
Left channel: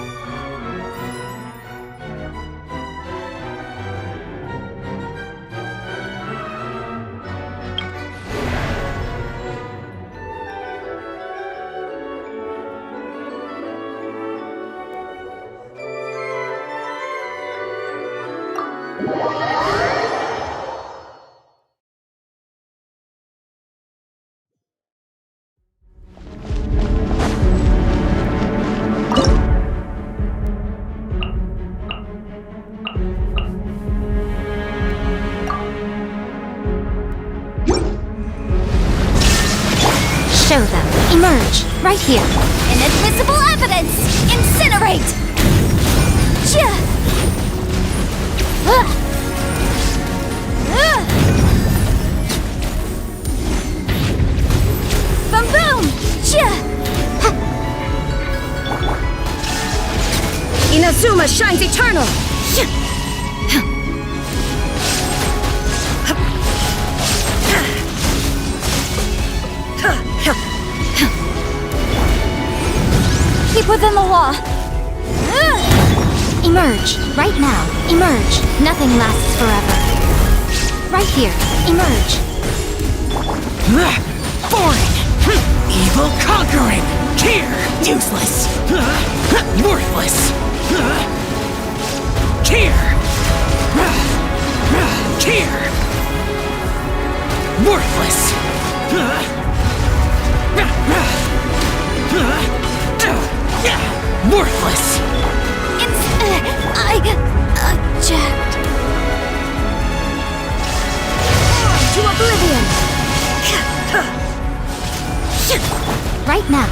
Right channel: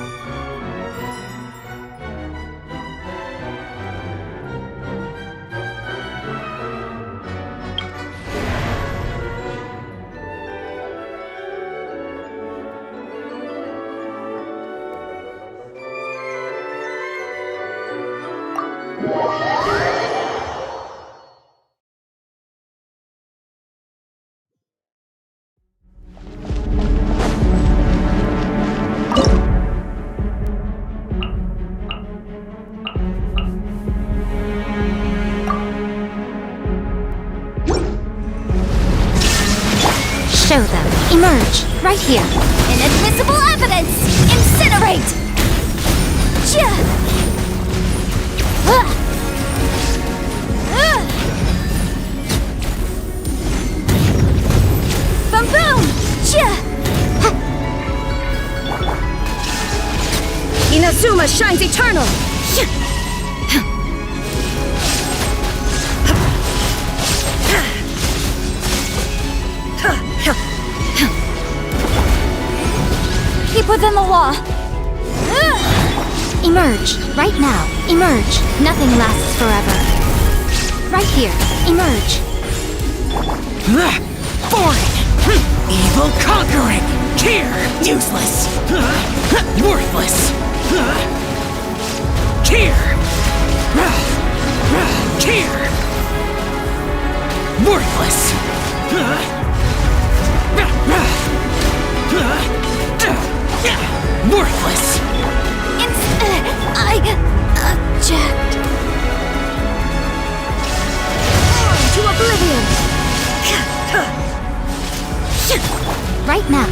Show them. Emerge. Right here. Inadmissible evidence! Incinerate! Chia! Boom boom! Chia! Inazuma shines eternal! Keep within the law. Emerge. Right now. Emerge. Nothing lasts forever. Right here. Emerge. Boring! Evil conquering! Here! Useless! Worthless! Here! Here! Worthless! Worthless! I object. On to oblivion! Right now.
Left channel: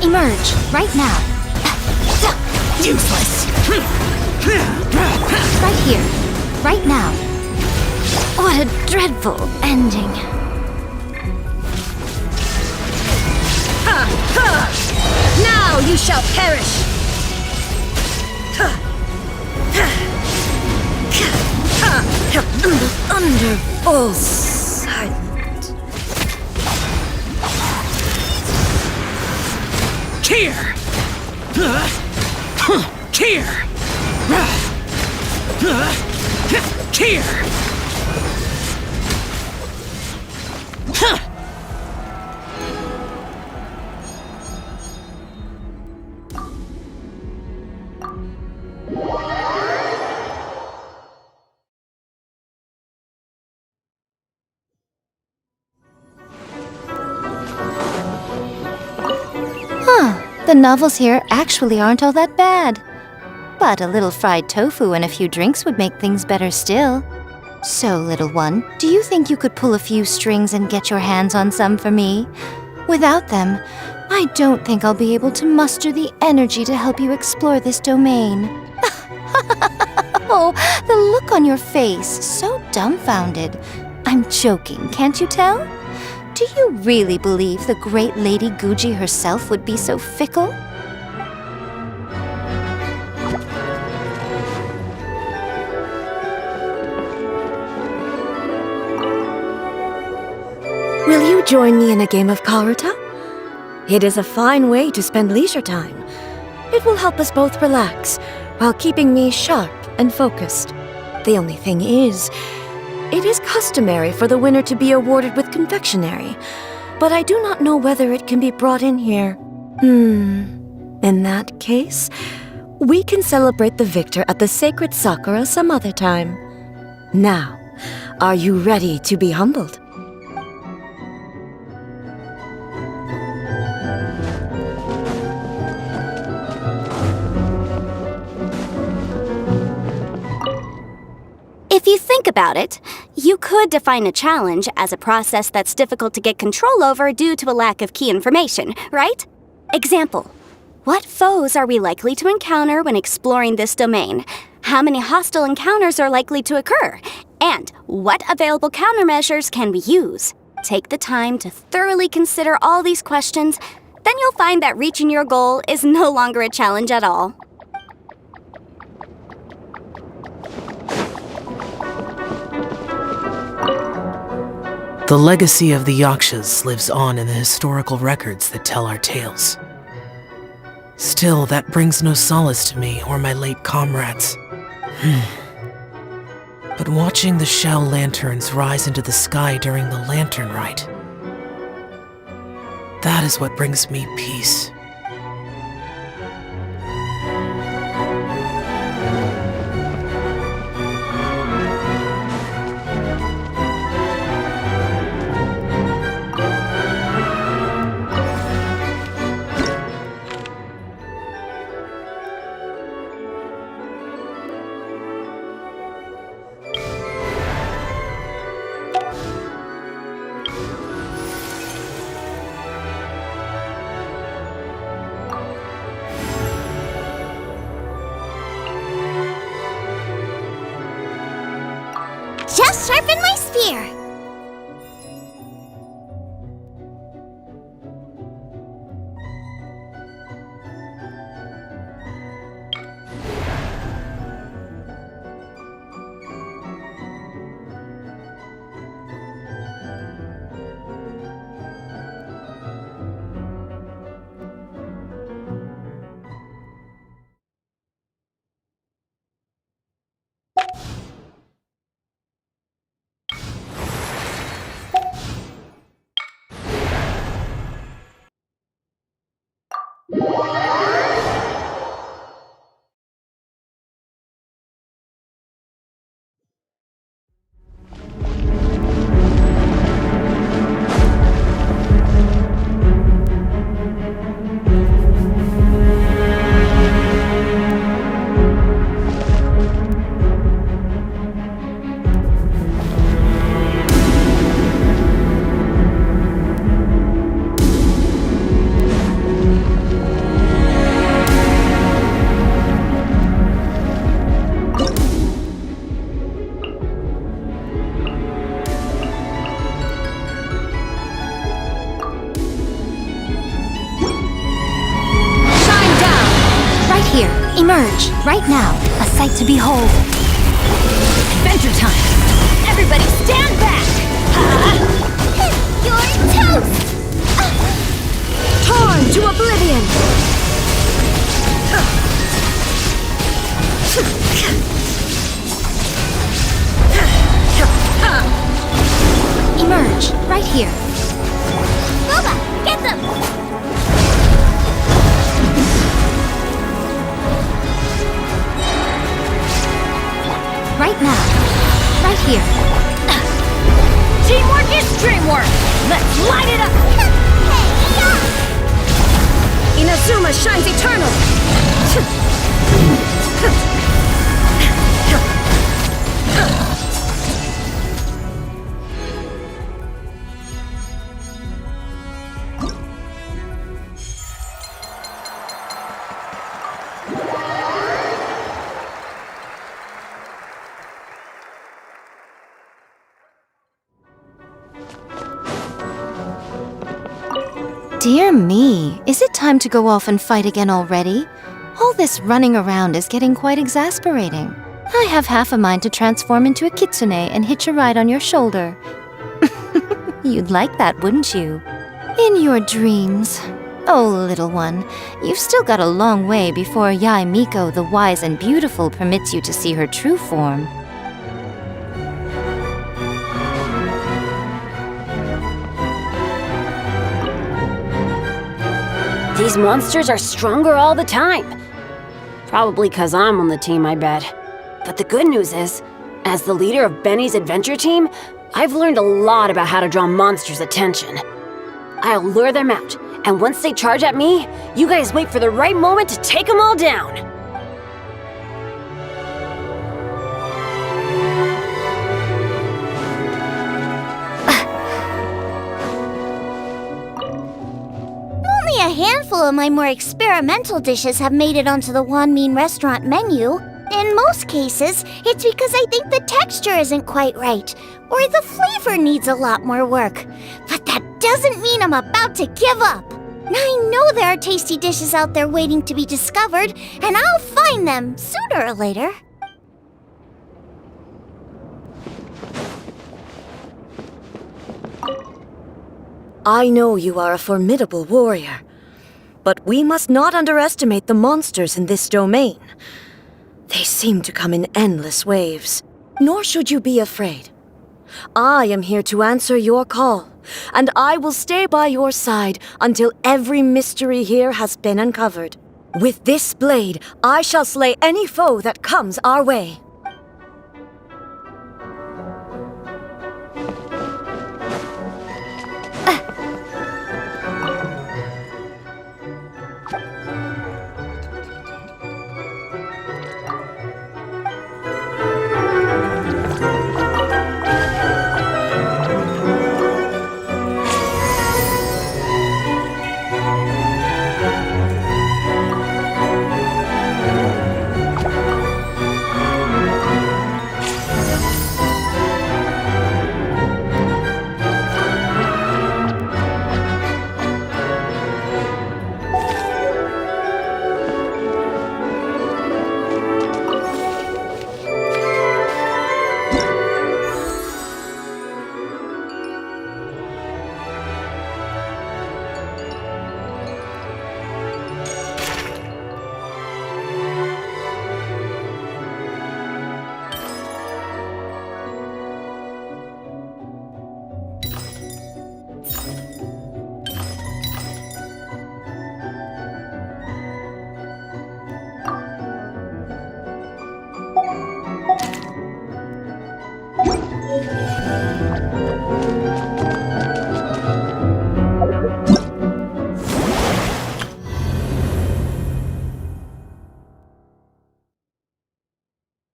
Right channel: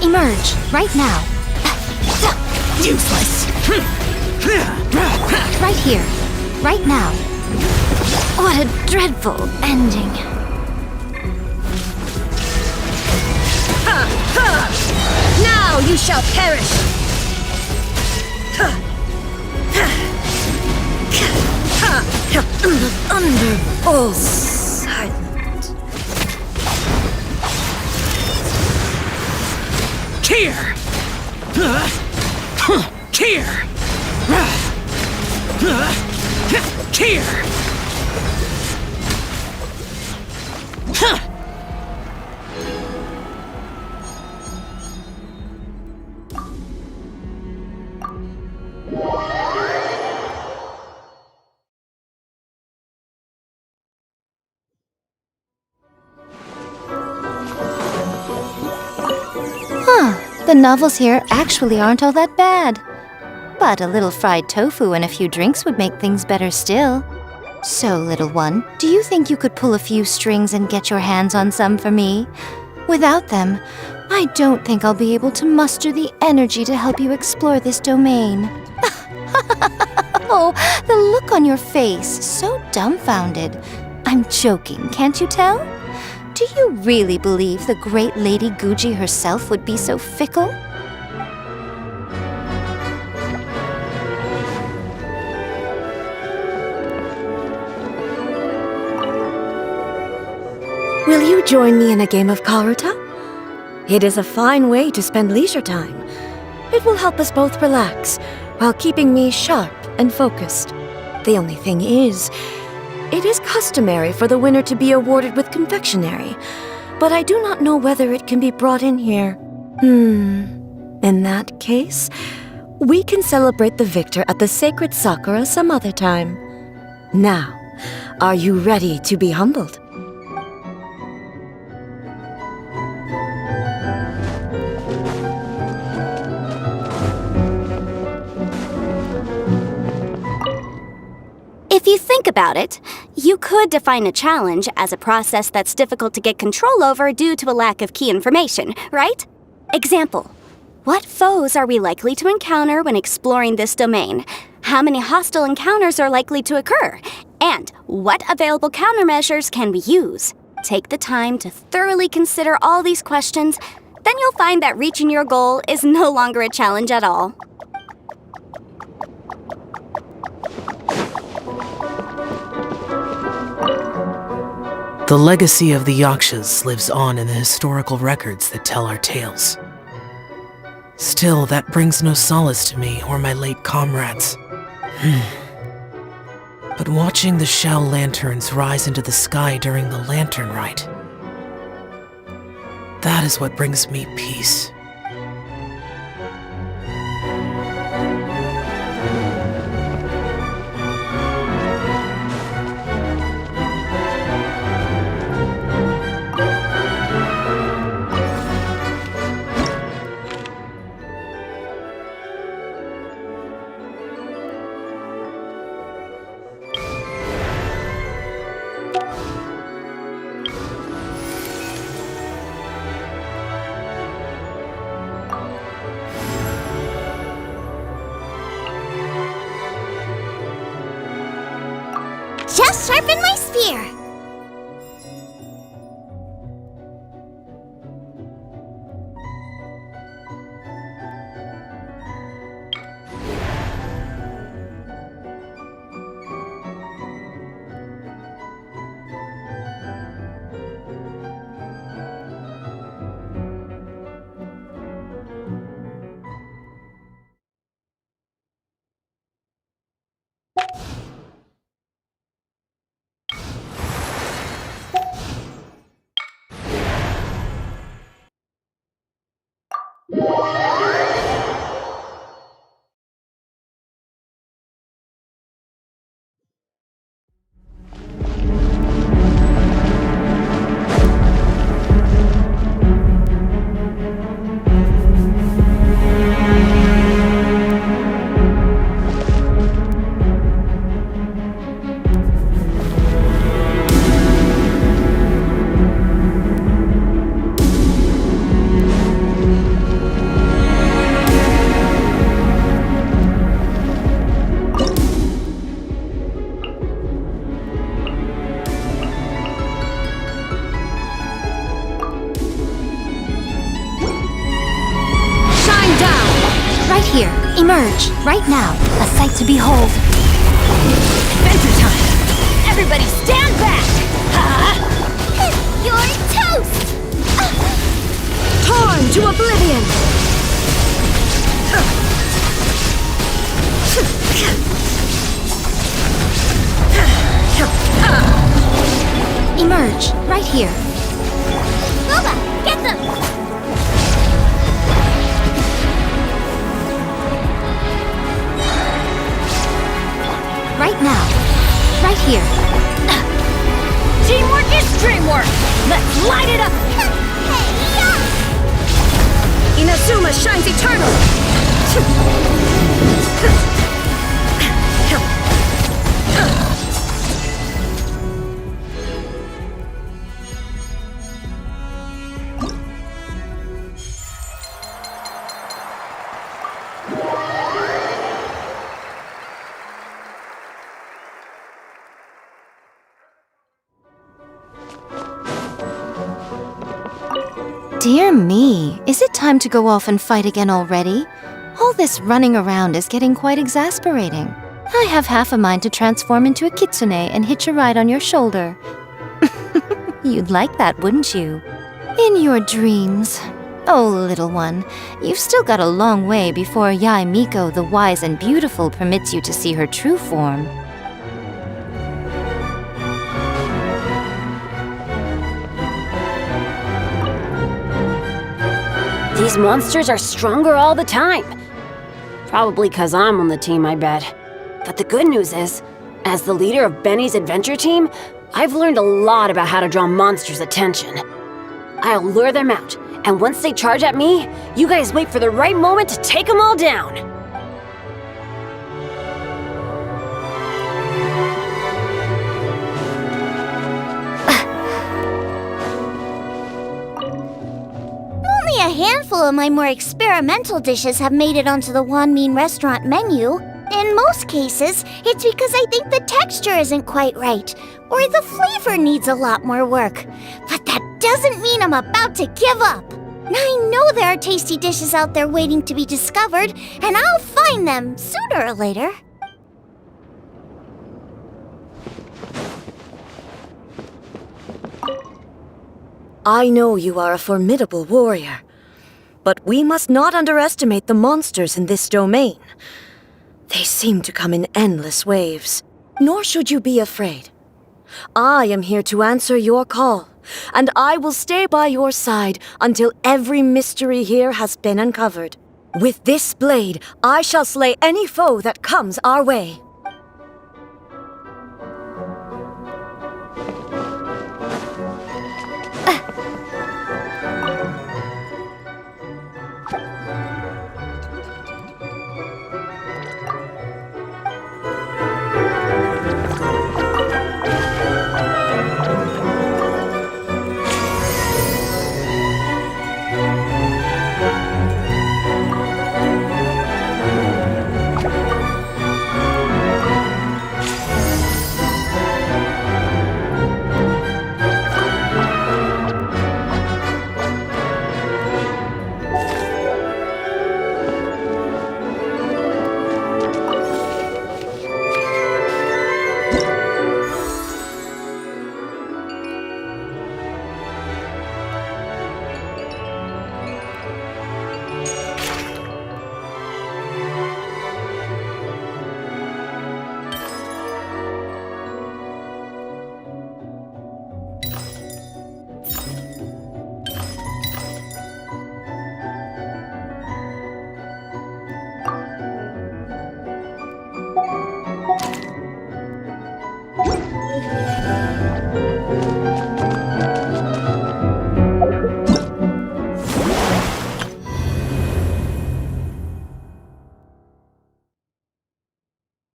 Emerge. Right now. Useless! Right here. Right now. What a dreadful ending. Now you shall perish! The thunder falls silent. Here! Here! Here! The novels here actually aren't all that bad. But a little fried tofu and a few drinks would make things better still. So, little one, do you think you could pull a few strings and get your hands on some for me? Without them, I don't think I'll be able to muster the energy to help you explore this domain. Oh, the look on your face, so dumbfounded. I'm joking, can't you tell? Do you really believe the great Lady Guji herself would be so fickle? Will you join me in a game of Karuta? It is a fine way to spend leisure time. It will help us both relax, while keeping me sharp and focused. The only thing is, it is customary for the winner to be awarded with confectionery, but I do not know whether it can be brought in here. In that case, we can celebrate the victor at the sacred Sakura some other time. Now, are you ready to be humbled? If you think about it, you could define a challenge as a process that's difficult to get control over due to a lack of key information, right? Example, What foes are we likely to encounter when exploring this domain? How many hostile encounters are likely to occur? And what available countermeasures can we use? Take the time to thoroughly consider all these questions, then you'll find that reaching your goal is no longer a challenge at all. The legacy of the Yakshas lives on in the historical records that tell our tales. Still, that brings no solace to me or my late comrades. But watching the shell lanterns rise into the sky during the lantern rite, that is what brings me peace. Just sharpen my spear! Right here. Emerge. Right now. A sight to behold. Adventure time! Everybody stand back! You're toast! Torn to oblivion! Emerge. Right here. Boba, get them! Right now. Right here. Teamwork is dreamwork! Let's light it up! Inazuma shines eternal! Dear me, is it time to go off and fight again already? All this running around is getting quite exasperating. I have half a mind to transform into a kitsune and hitch a ride on your shoulder. You'd like that, wouldn't you? In your dreams. Oh, little one, you've still got a long way before Yae Miko the Wise and Beautiful permits you to see her true form. These monsters are stronger all the time. Probably 'cause I'm on the team, I bet. But the good news is, as the leader of Benny's adventure team, I've learned a lot about how to draw monsters' attention. I'll lure them out, and once they charge at me, you guys wait for the right moment to take them all down. Only a handful handful of my more experimental dishes have made it onto the Wanmin restaurant menu. In most cases, it's because I think the texture isn't quite right, or the flavor needs a lot more work. But that doesn't mean I'm about to give up. I know there are tasty dishes out there waiting to be discovered, and I'll find them sooner or later. I know you are a formidable warrior, but we must not underestimate the monsters in this domain. They seem to come in endless waves, nor should you be afraid. I am here to answer your call, and I will stay by your side until every mystery here has been uncovered. With this blade, I shall slay any foe that comes our way.